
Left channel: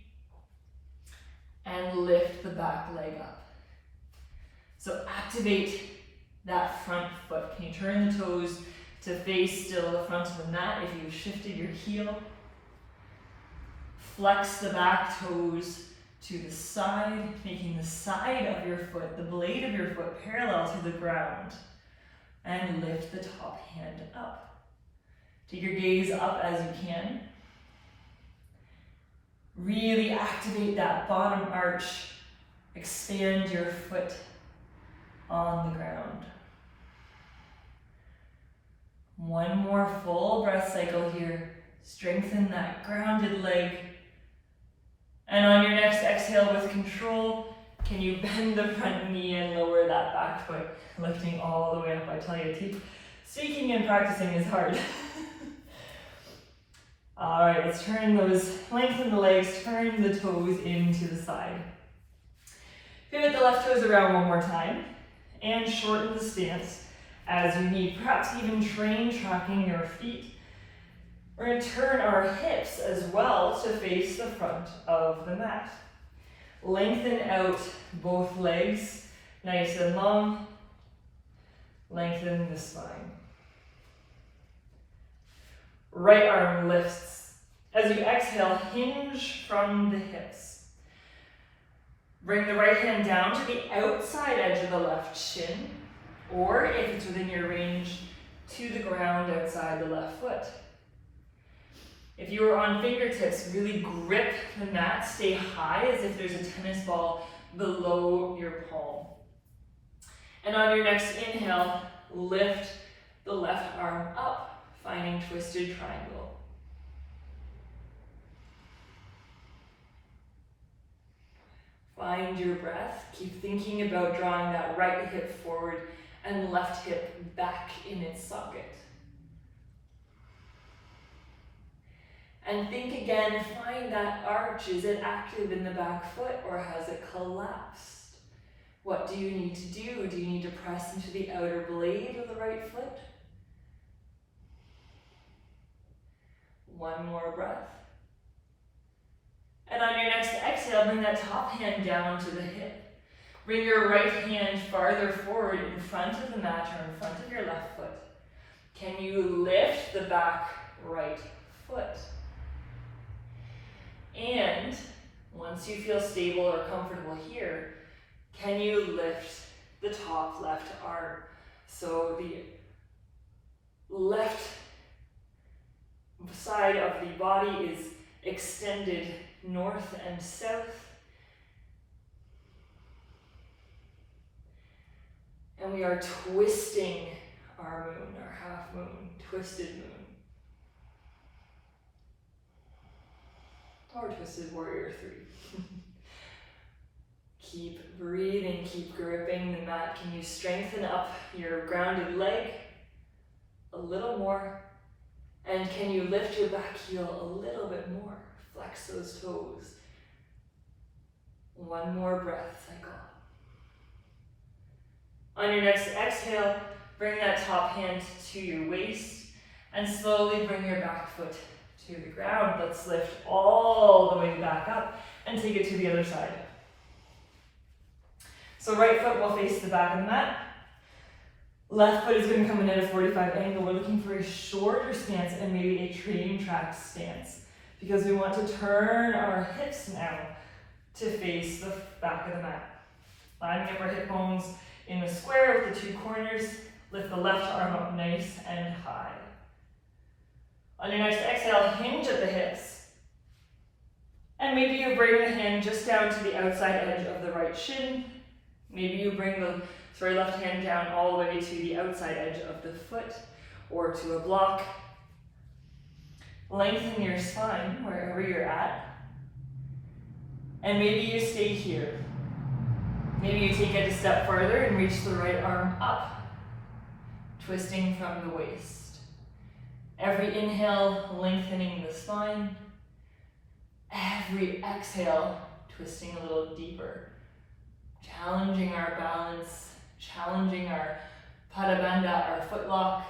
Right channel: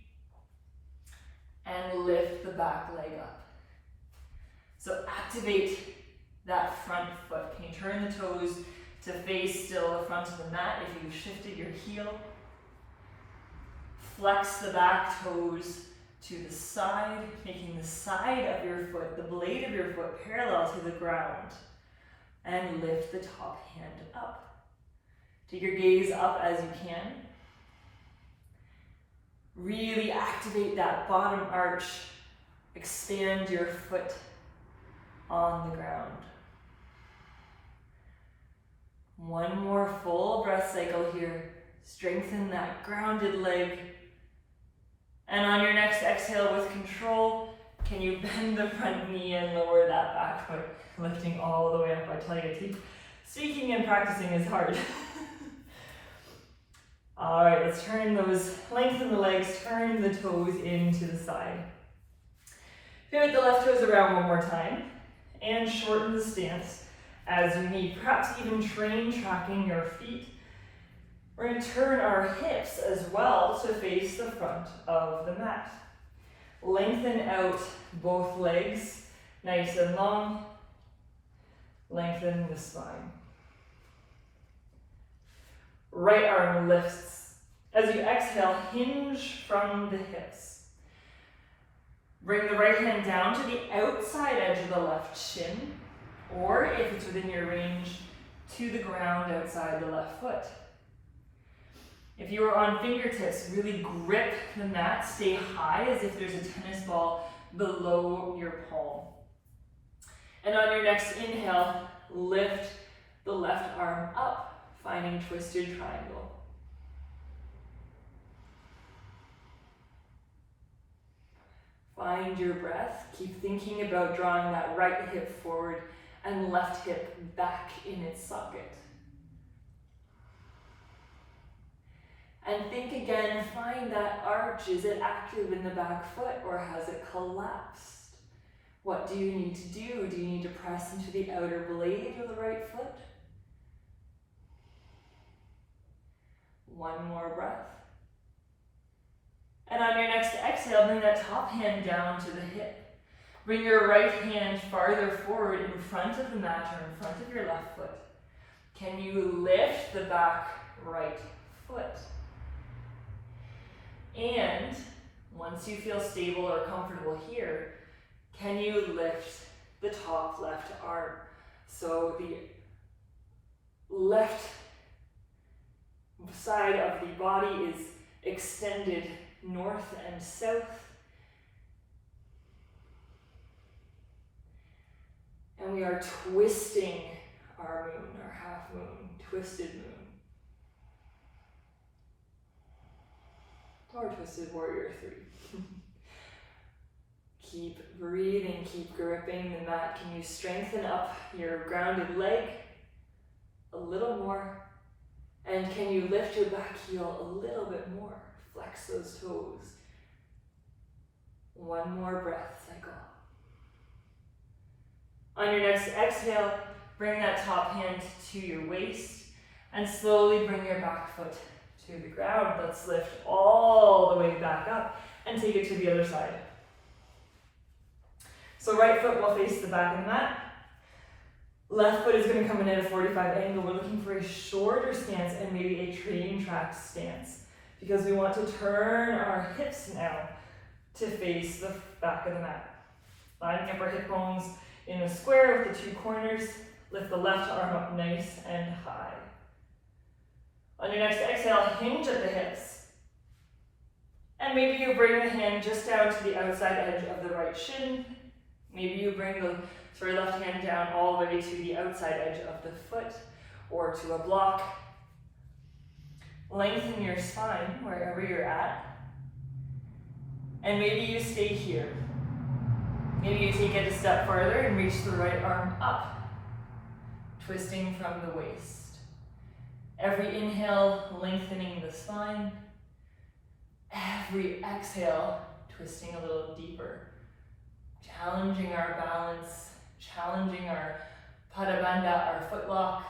and lift the back leg up. So activate that front foot. Can you turn the toes to face still the front of the mat if you've shifted your heel? Flex the back toes to the side, making the side of your foot, the blade of your foot, parallel to the ground. And lift the top hand up. Take your gaze up as you can. Really activate that bottom arch. Expand your foot on the ground. One more full breath cycle here. Strengthen that grounded leg. And on your next exhale with control, can you bend the front knee and lower that back foot, lifting all the way up. I tell you, speaking and practicing is hard. All right, let's lengthen the legs, turn the toes into the side. Pivot the left toes around one more time and shorten the stance as you need. Perhaps even tracking your feet. We're going to turn our hips as well to face the front of the mat. Lengthen out both legs, nice and long. Lengthen the spine. Right arm lifts. As you exhale, hinge from the hips. Bring the right hand down to the outside edge of the left shin, or if it's within your range, to the ground outside the left foot. If you are on fingertips, really grip the mat, stay high as if there's a tennis ball below your palm. And on your next inhale, lift the left arm up, finding twisted triangle. Find your breath. Keep thinking about drawing that right hip forward and left hip back in its socket. And think again, find that arch. Is it active in the back foot or has it collapsed? What do you need to do? Do you need to press into the outer blade of the right foot? One more breath. And on your next exhale, bring that top hand down to the hip. Bring your right hand farther forward in front of the mat or in front of your left foot. Can you lift the back right foot? And once you feel stable or comfortable here, can you lift the top left arm? So the left side of the body is extended north and south. And we are twisting our moon, our half moon, twisted moon. Or Twisted Warrior 3. Keep breathing, keep gripping the mat. Can you strengthen up your grounded leg a little more? And can you lift your back heel a little bit more? Flex those toes. One more breath cycle. On your next exhale, bring that top hand to your waist and slowly bring your back foot to the ground. Let's lift all the way back up and take it to the other side. So right foot will face the back of the mat. Left foot is going to come in at a 45 angle. We're looking for a shorter stance and maybe a train track stance because we want to turn our hips now to face the back of the mat. Lining up our hip bones in a square with the two corners. Lift the left arm up nice and high. On your next exhale, hinge at the hips and And maybe you bring the hand just down to the outside edge of the right shin. Maybe you bring the left hand down all the way to the outside edge of the foot or to a block. Lengthen your spine wherever you're at. And maybe you stay here. Maybe you take it a step further and reach the right arm up, twisting from the waist. Every inhale, lengthening the spine. Every exhale, twisting a little deeper. Challenging our balance, challenging our Bandha, our footlock.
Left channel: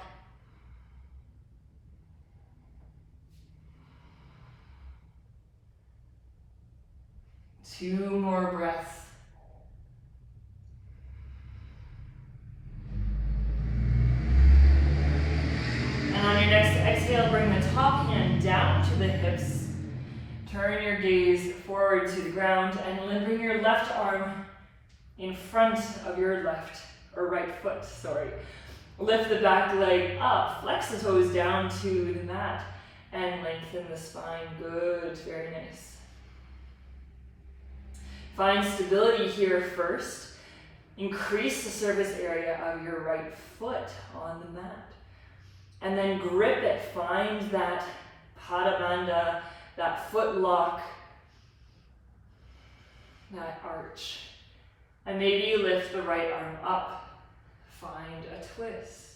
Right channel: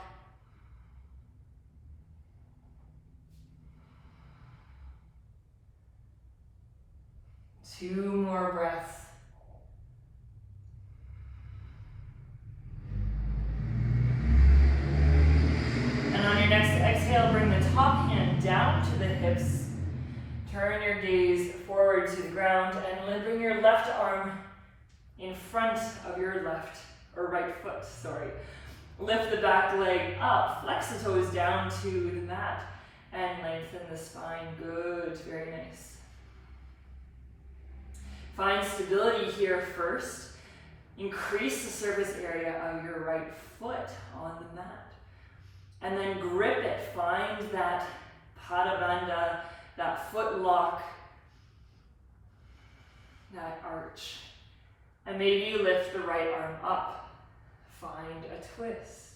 Two more breaths. And on your next exhale, bring the top hand down to the hips. Turn your gaze forward to the ground and then bring your left arm in front of your right foot, sorry. Lift the back leg up, flex the toes down to the mat, and lengthen the spine. Good, very nice. Find stability here first. Increase the surface area of your right foot on the mat. And then grip it. Find that Bandha, that foot lock, that arch. And maybe you lift the right arm up. Find a twist.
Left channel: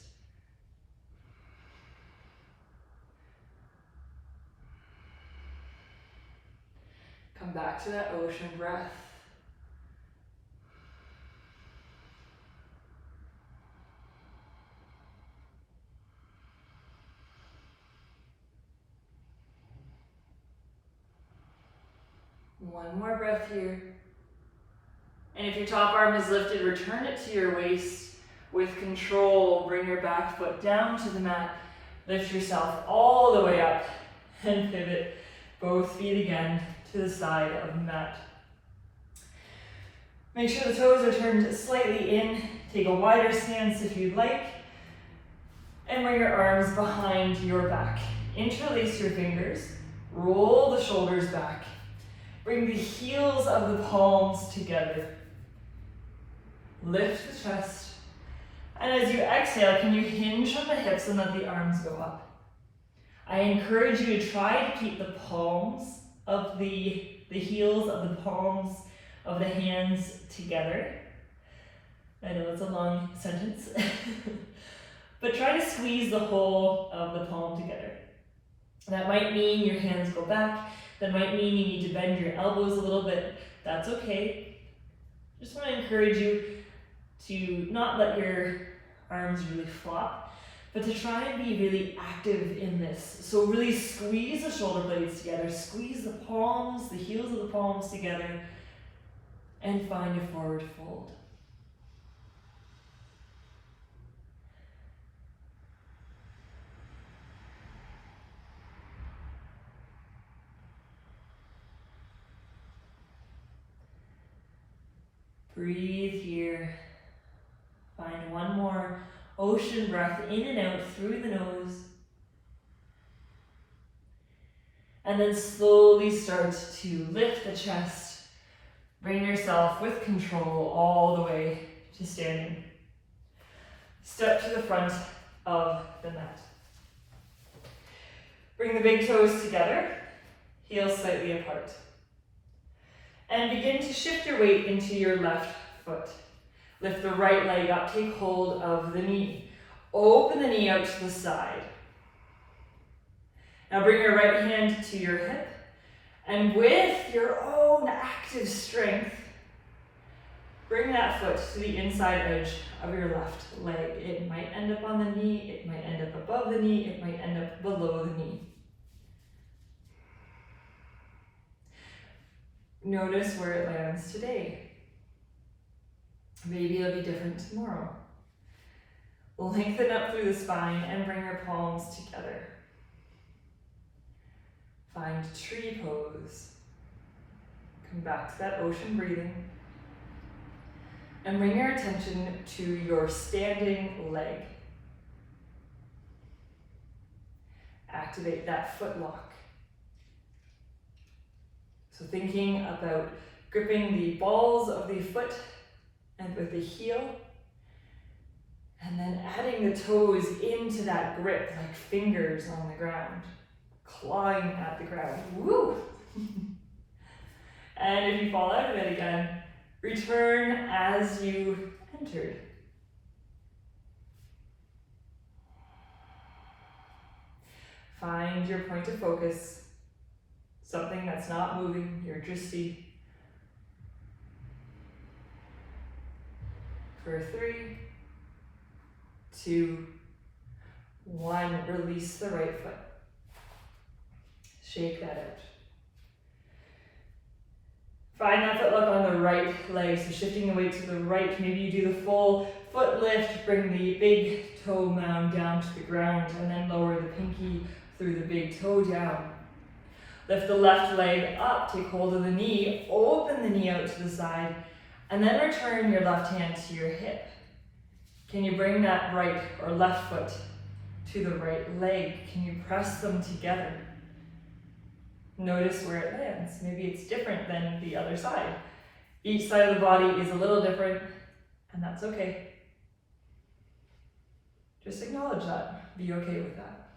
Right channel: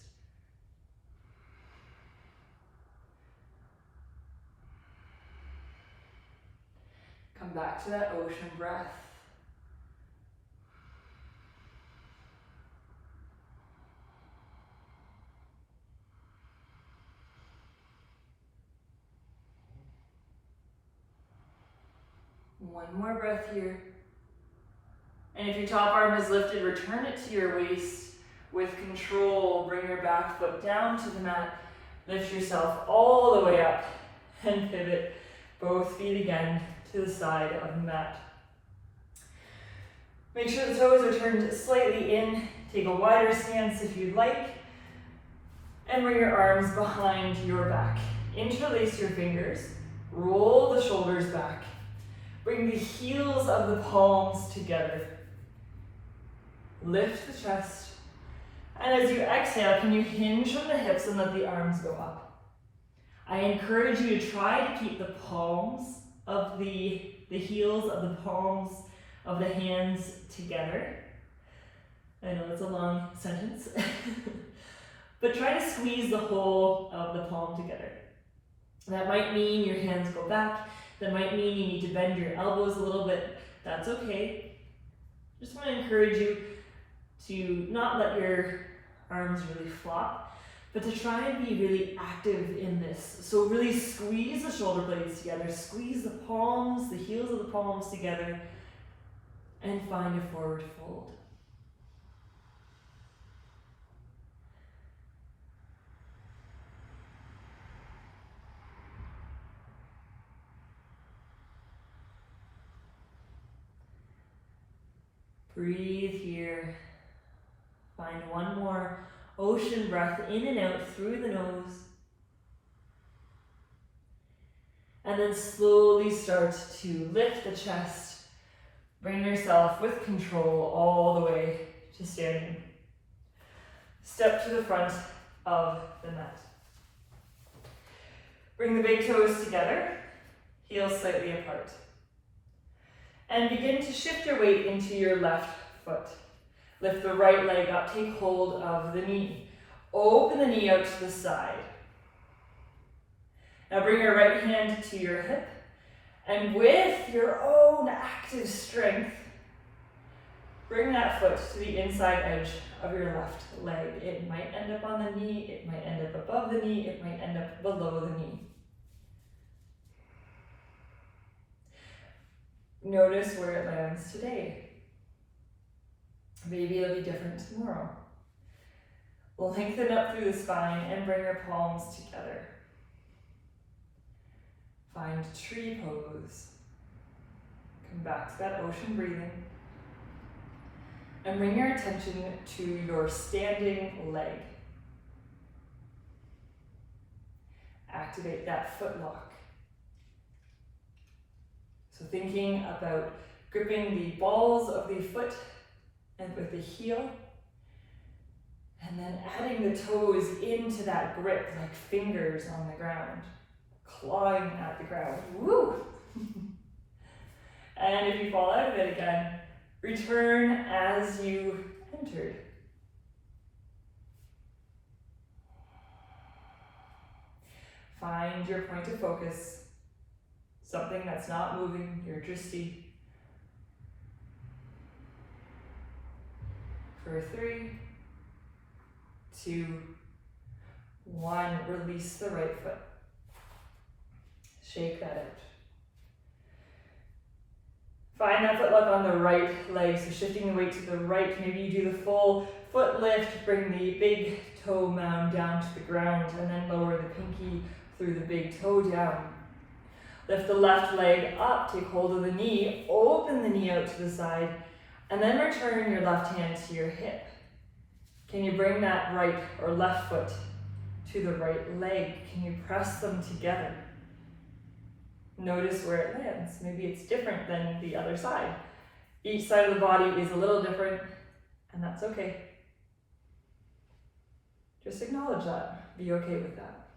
Come back to that ocean breath. One more breath here. And if your top arm is lifted, return it to your waist with control. Bring your back foot down to the mat. Lift yourself all the way up and pivot both feet again to the side of the mat. Make sure the toes are turned slightly in. Take a wider stance if you'd like. And bring your arms behind your back. Interlace your fingers. Roll the shoulders back. Bring the heels of the palms together. Lift the chest. And as you exhale, can you hinge from the hips and let the arms go up? I encourage you to try to keep the palms of the heels of the palms of the hands together. I know it's a long sentence. But try to squeeze the whole of the palm together. That might mean your hands go back. That might mean you need to bend your elbows a little bit. That's okay. Just want to encourage you to not let your arms really flop, but to try and be really active in this. So really squeeze the shoulder blades together, squeeze the palms, the heels of the palms together, and find a forward fold. Breathe here. Find one more ocean breath in and out through the nose. And then slowly start to lift the chest. Bring yourself with control all the way to standing. Step to the front of the mat. Bring the big toes together, heels slightly apart. And begin to shift your weight into your left foot. Lift the right leg up, take hold of the knee. Open the knee out to the side. Now bring your right hand to your hip, and with your own active strength, bring that foot to the inside edge of your left leg. It might end up on the knee, it might end up above the knee, it might end up below the knee. Notice where it lands today. Maybe it'll be different tomorrow. Lengthen up through the spine and bring your palms together. Find tree pose. Come back to that ocean breathing. And bring your attention to your standing leg. Activate that foot lock. So thinking about gripping the balls of the foot and with the heel, and then adding the toes into that grip like fingers on the ground, clawing at the ground. Woo! And if you fall out of it again, return as you entered. Find your point of focus, something that's not moving, your drishti. For 3, 2, 1, release the right foot. Shake that out. Find that foot lock on the right leg, so shifting the weight to the right. Maybe you do the full foot lift, bring the big toe mound down to the ground, and then lower the pinky through the big toe down. Lift the left leg up, take hold of the knee, open the knee out to the side, and then return your left hand to your hip. Can you bring that right or left foot to the right leg? Can you press them together? Notice where it lands. Maybe it's different than the other side. Each side of the body is a little different, and that's okay. Just acknowledge that. Be okay with that.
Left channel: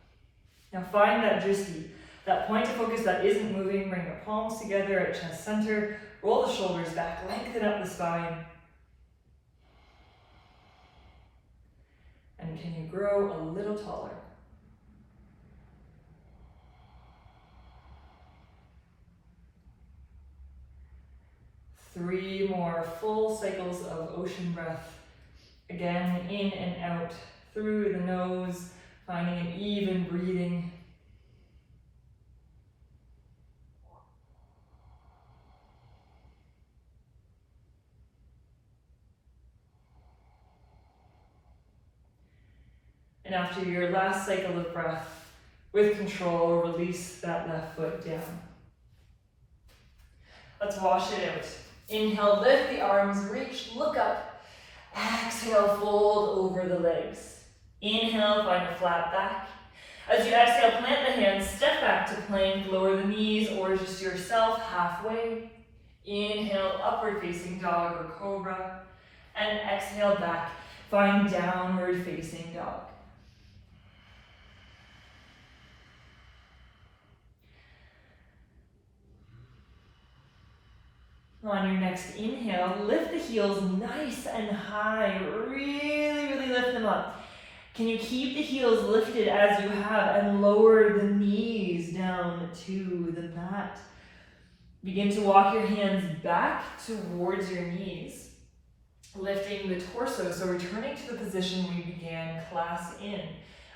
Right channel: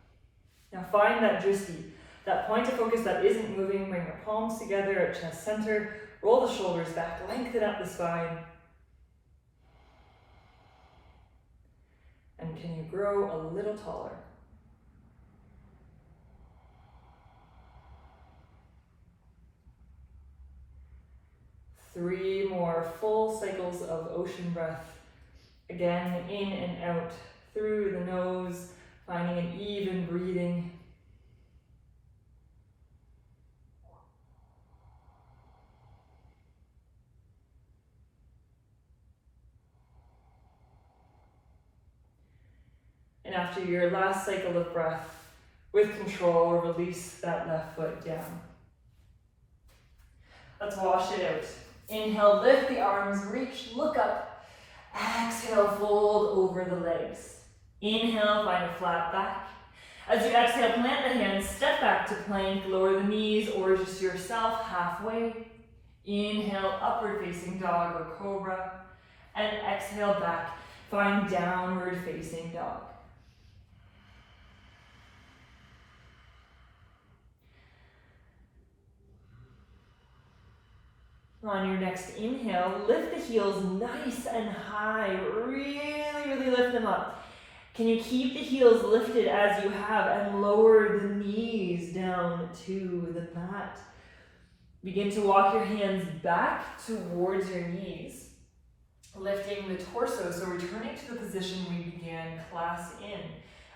Now find that drishti, that point of focus that isn't moving. Bring your palms together at chest center. Roll the shoulders back, lengthen up the spine. And can you grow a little taller? Three more full cycles of ocean breath. Again, in and out through the nose, finding an even breathing. And after your last cycle of breath, with control, release that left foot down. Let's wash it out. Inhale, lift the arms, reach, look up. Exhale, fold over the legs. Inhale, find a flat back. As you exhale, plant the hands, step back to plank, lower the knees or just yourself halfway. Inhale, upward facing dog or cobra. And exhale back, find downward facing dog. On your next inhale, lift the heels nice and high. Really lift them up. Can you keep the heels lifted as you have and lower the knees down to the mat? Begin to walk your hands back towards your knees, lifting the torso, so returning to the position we began class in.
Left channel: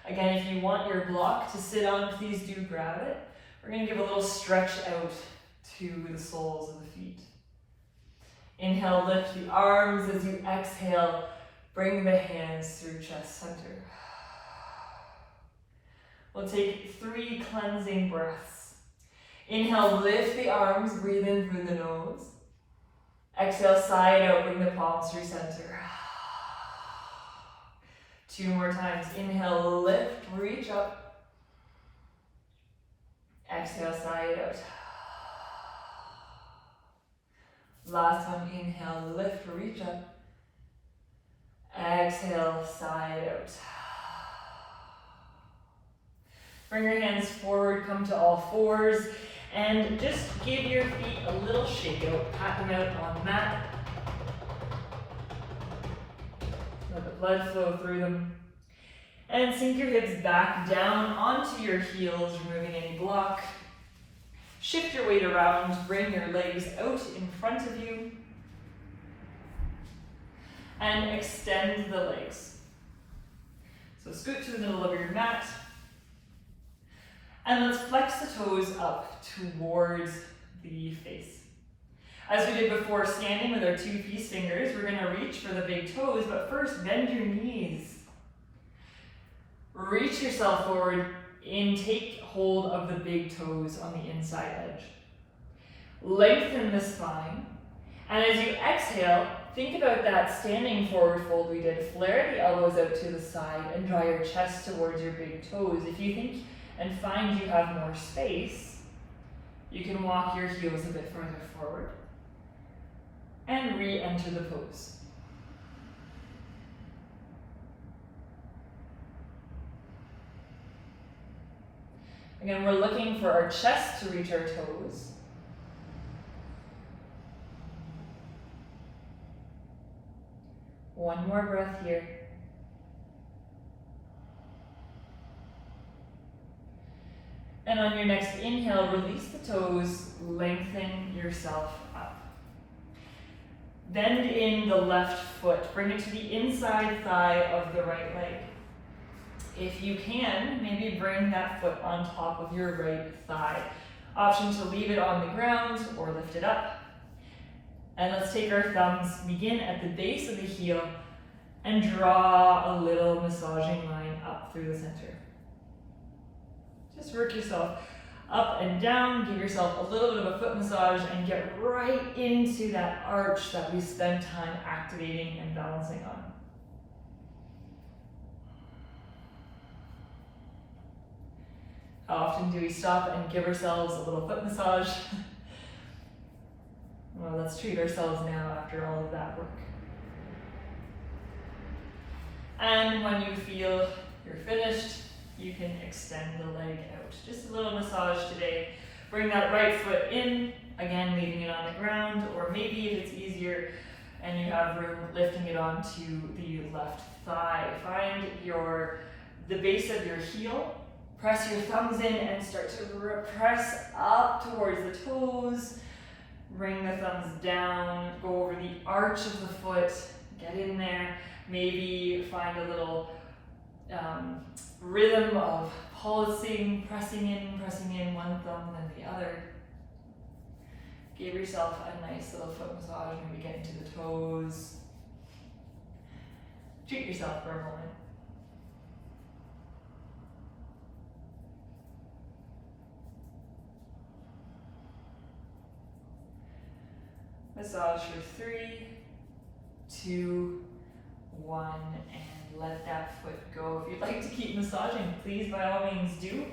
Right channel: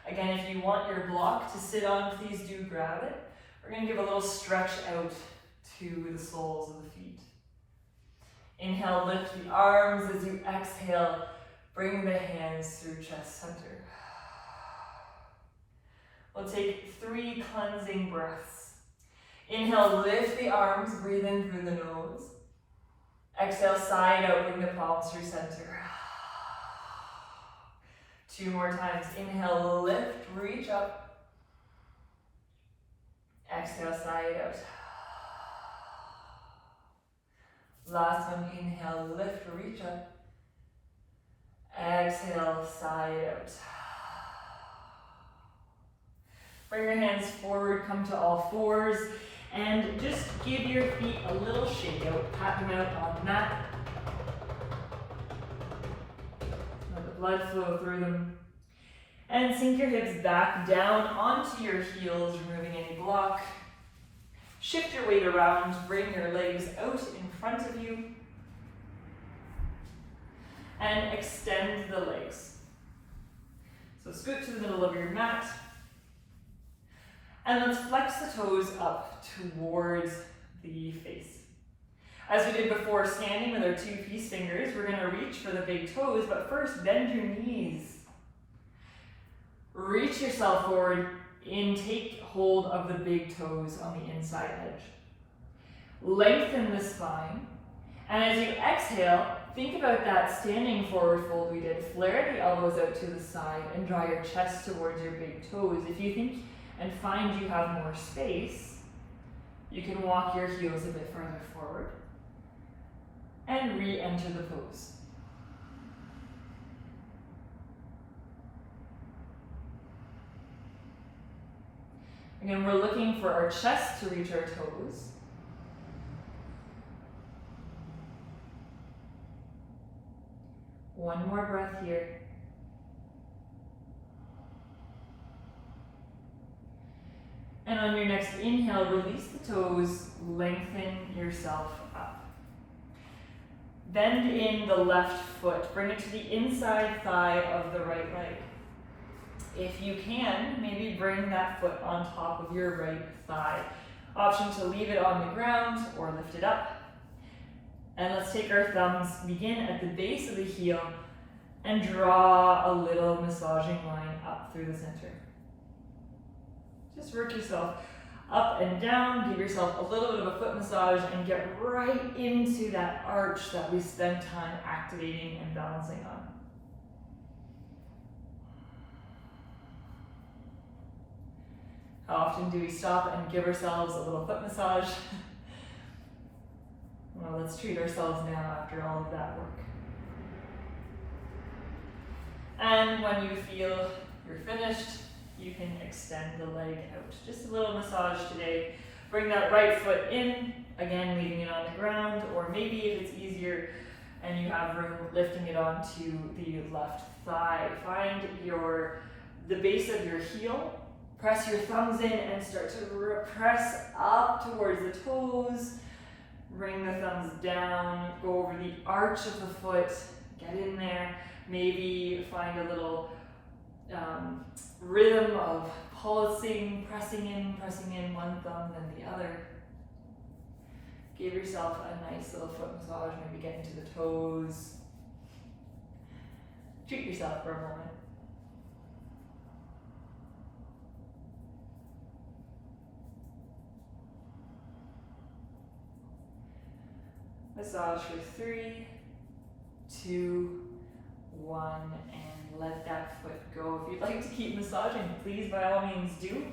Again, if you want your block to sit on, please do grab it. We're going to give a little stretch out to the soles of the feet. Inhale, lift the arms. As you exhale, bring the hands through chest center. We'll take 3 cleansing breaths. Inhale, lift the arms, breathe in through the nose. Exhale, side out, bring the palms through center. 2 more times. Inhale, lift, reach up. Exhale, side out. Last one, inhale, lift, reach up. Exhale, side out. Bring your hands forward, come to all fours, and just give your feet a little shake out. Pat them out on the mat. Let the blood flow through them. And sink your hips back down onto your heels, removing any block. Shift your weight around, bring your legs out in front of you, and extend the legs. So scoot to the middle of your mat, and let's flex the toes up towards the face. As we did before, standing with our 2 peace fingers, we're going to reach for the big toes, but first bend your knees. Reach yourself forward. Take hold of the big toes on the inside edge. Lengthen the spine. And as you exhale, think about that standing forward fold we did. Flare the elbows out to the side and draw your chest towards your big toes. If you think and find you have more space, You can walk your heels a bit further forward and re-enter the pose. Again, we're looking for our chest to reach our toes. One more breath here. And on your next inhale, release the toes, lengthen yourself up. Bend in the left foot, bring it to the inside thigh of the right leg. If you can, maybe bring that foot on top of your right thigh. Option to leave it on the ground or lift it up. And let's take our thumbs, begin at the base of the heel, and draw a little massaging line up through the center. Just work yourself up and down, give yourself a little bit of a foot massage, and get right into that arch that we spend time activating and balancing on. How often do we stop and give ourselves a little foot massage? Well, let's treat ourselves now after all of that work. And when you feel you're finished, you can extend the leg out. Just a little massage today. Bring that right foot in, again leaving it on the ground, or maybe if it's easier and you have room, lifting it onto the left thigh. Find the base of your heel, press your thumbs in and start to press up towards the toes. Bring the thumbs down, go over the arch of the foot, get in there. Maybe find a little rhythm of pulsing, pressing in one thumb then the other. Give yourself a nice little foot massage, maybe get into the toes. Treat yourself for a moment. Massage for 3, 2, 1, and let that foot go. If you'd like to keep massaging, please by all means do.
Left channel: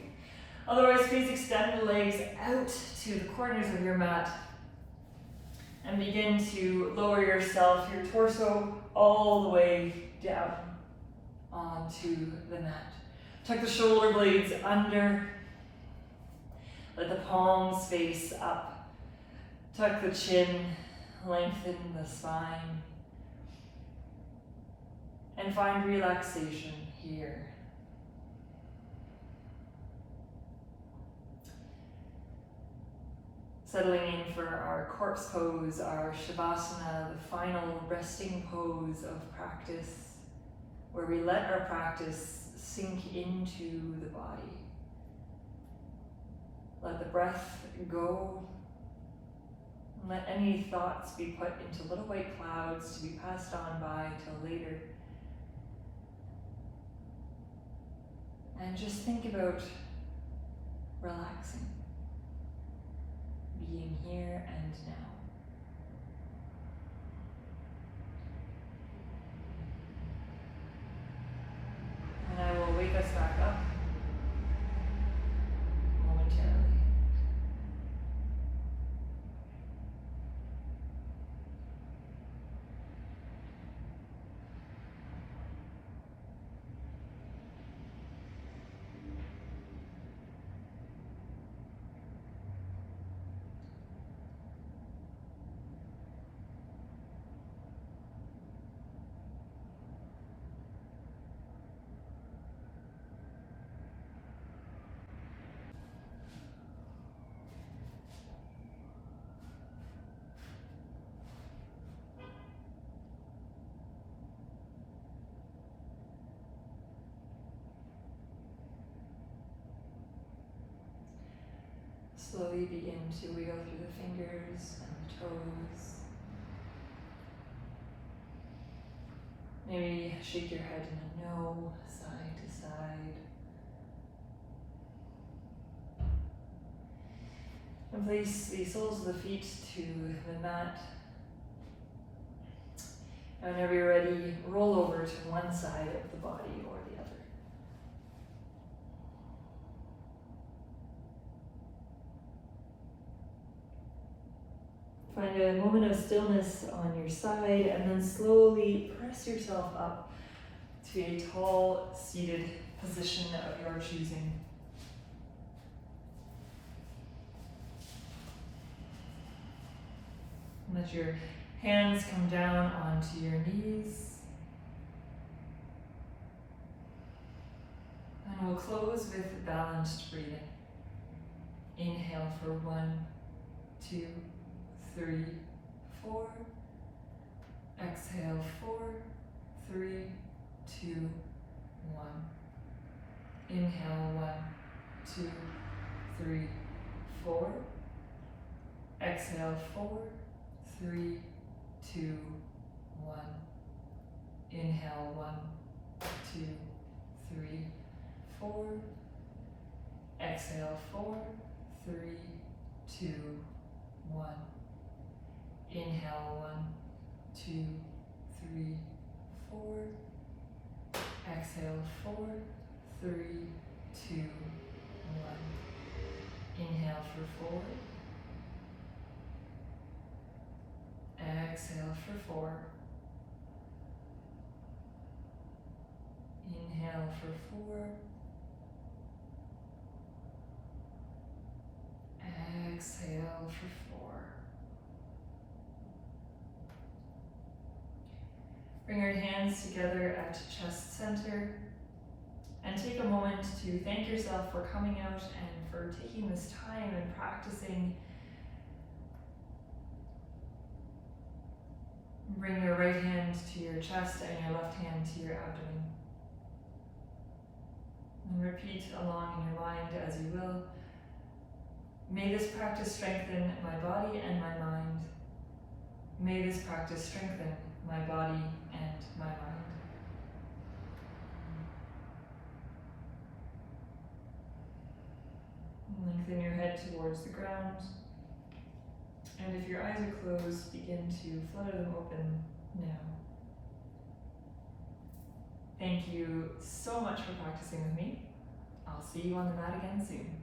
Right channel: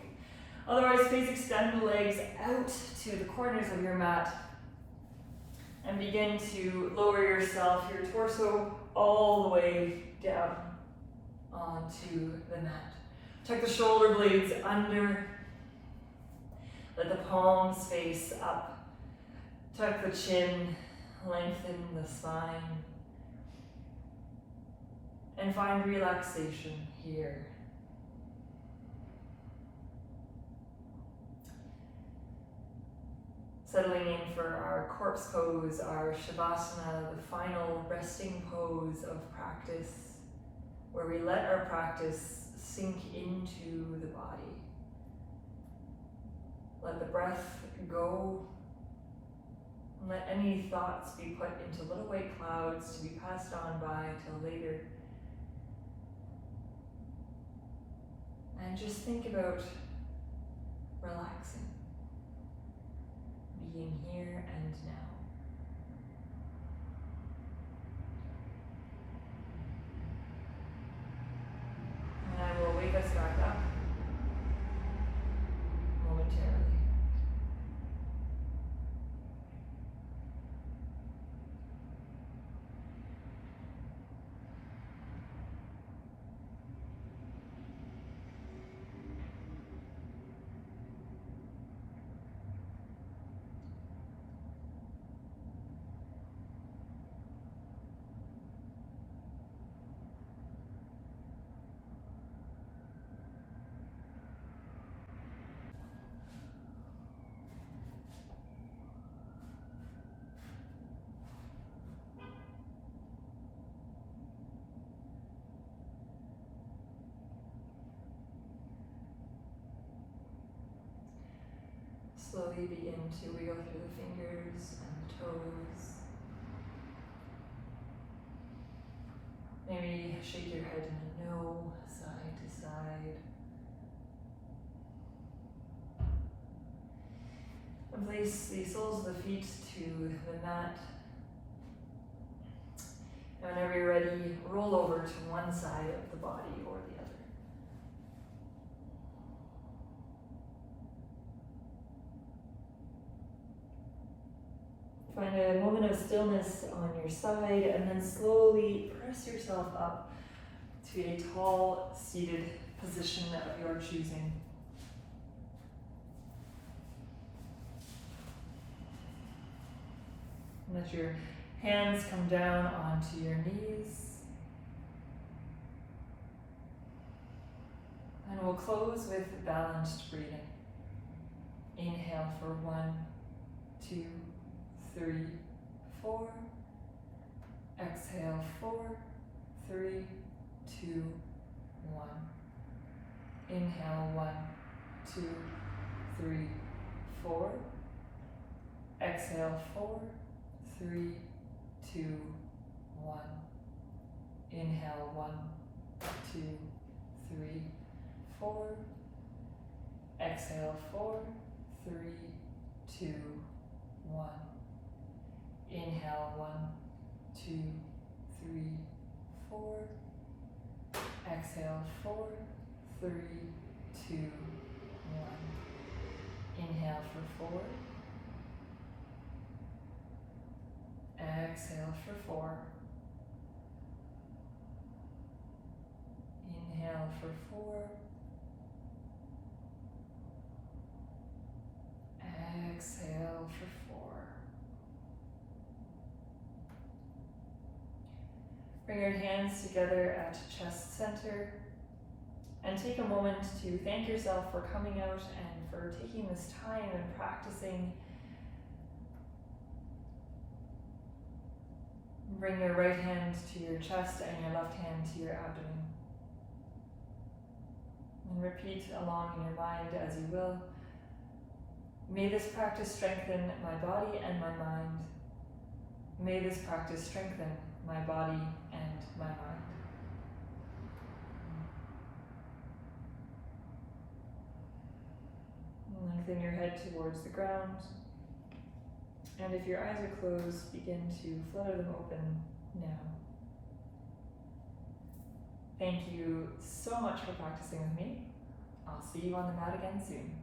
Otherwise, please extend the legs out to the corners of your mat and begin to lower yourself, your torso, all the way down onto the mat. Tuck the shoulder blades under. Let the palms face up. Tuck the chin, lengthen the spine. And find relaxation here. Settling in for our corpse pose, our Shavasana, the final resting pose of practice, where we let our practice sink into the body. Let the breath go. Let any thoughts be put into little white clouds to be passed on by till later. And just think about relaxing, being here and now. And I will wake us back up momentarily. Slowly begin to wiggle through the fingers and the toes. Maybe shake your head in a no, side to side. And place the soles of the feet to the mat. And whenever you're ready, roll over to one side of the body or the other. Find a moment of stillness on your side and then slowly press yourself up to a tall, seated position of your choosing. Let your hands come down onto your knees. And we'll close with balanced breathing. Inhale for 1, 2, 3, 4. Exhale 4, 3, 2, 1. Inhale 1, 2, 3, 4. Exhale 4, 3, 2, 1. Inhale 1, 2, 3, 4. Exhale 4, 3, 2, 1. Inhale 1, 2, 3, 4. Exhale 4, 3, 2, 1. Inhale for 4. Exhale for 4. Inhale for 4. Exhale for 4. Bring your hands together at chest center and take a moment to thank yourself for coming out and for taking this time and practicing. Bring your right hand to your chest and your left hand to your abdomen. And repeat along in your mind as you will. May this practice strengthen my body and my mind. May this practice strengthen my body and my mind. Lengthen your head towards the ground. And if your eyes are closed, begin to flutter them open now. Thank you so much for practicing with me. I'll see you on the mat again soon.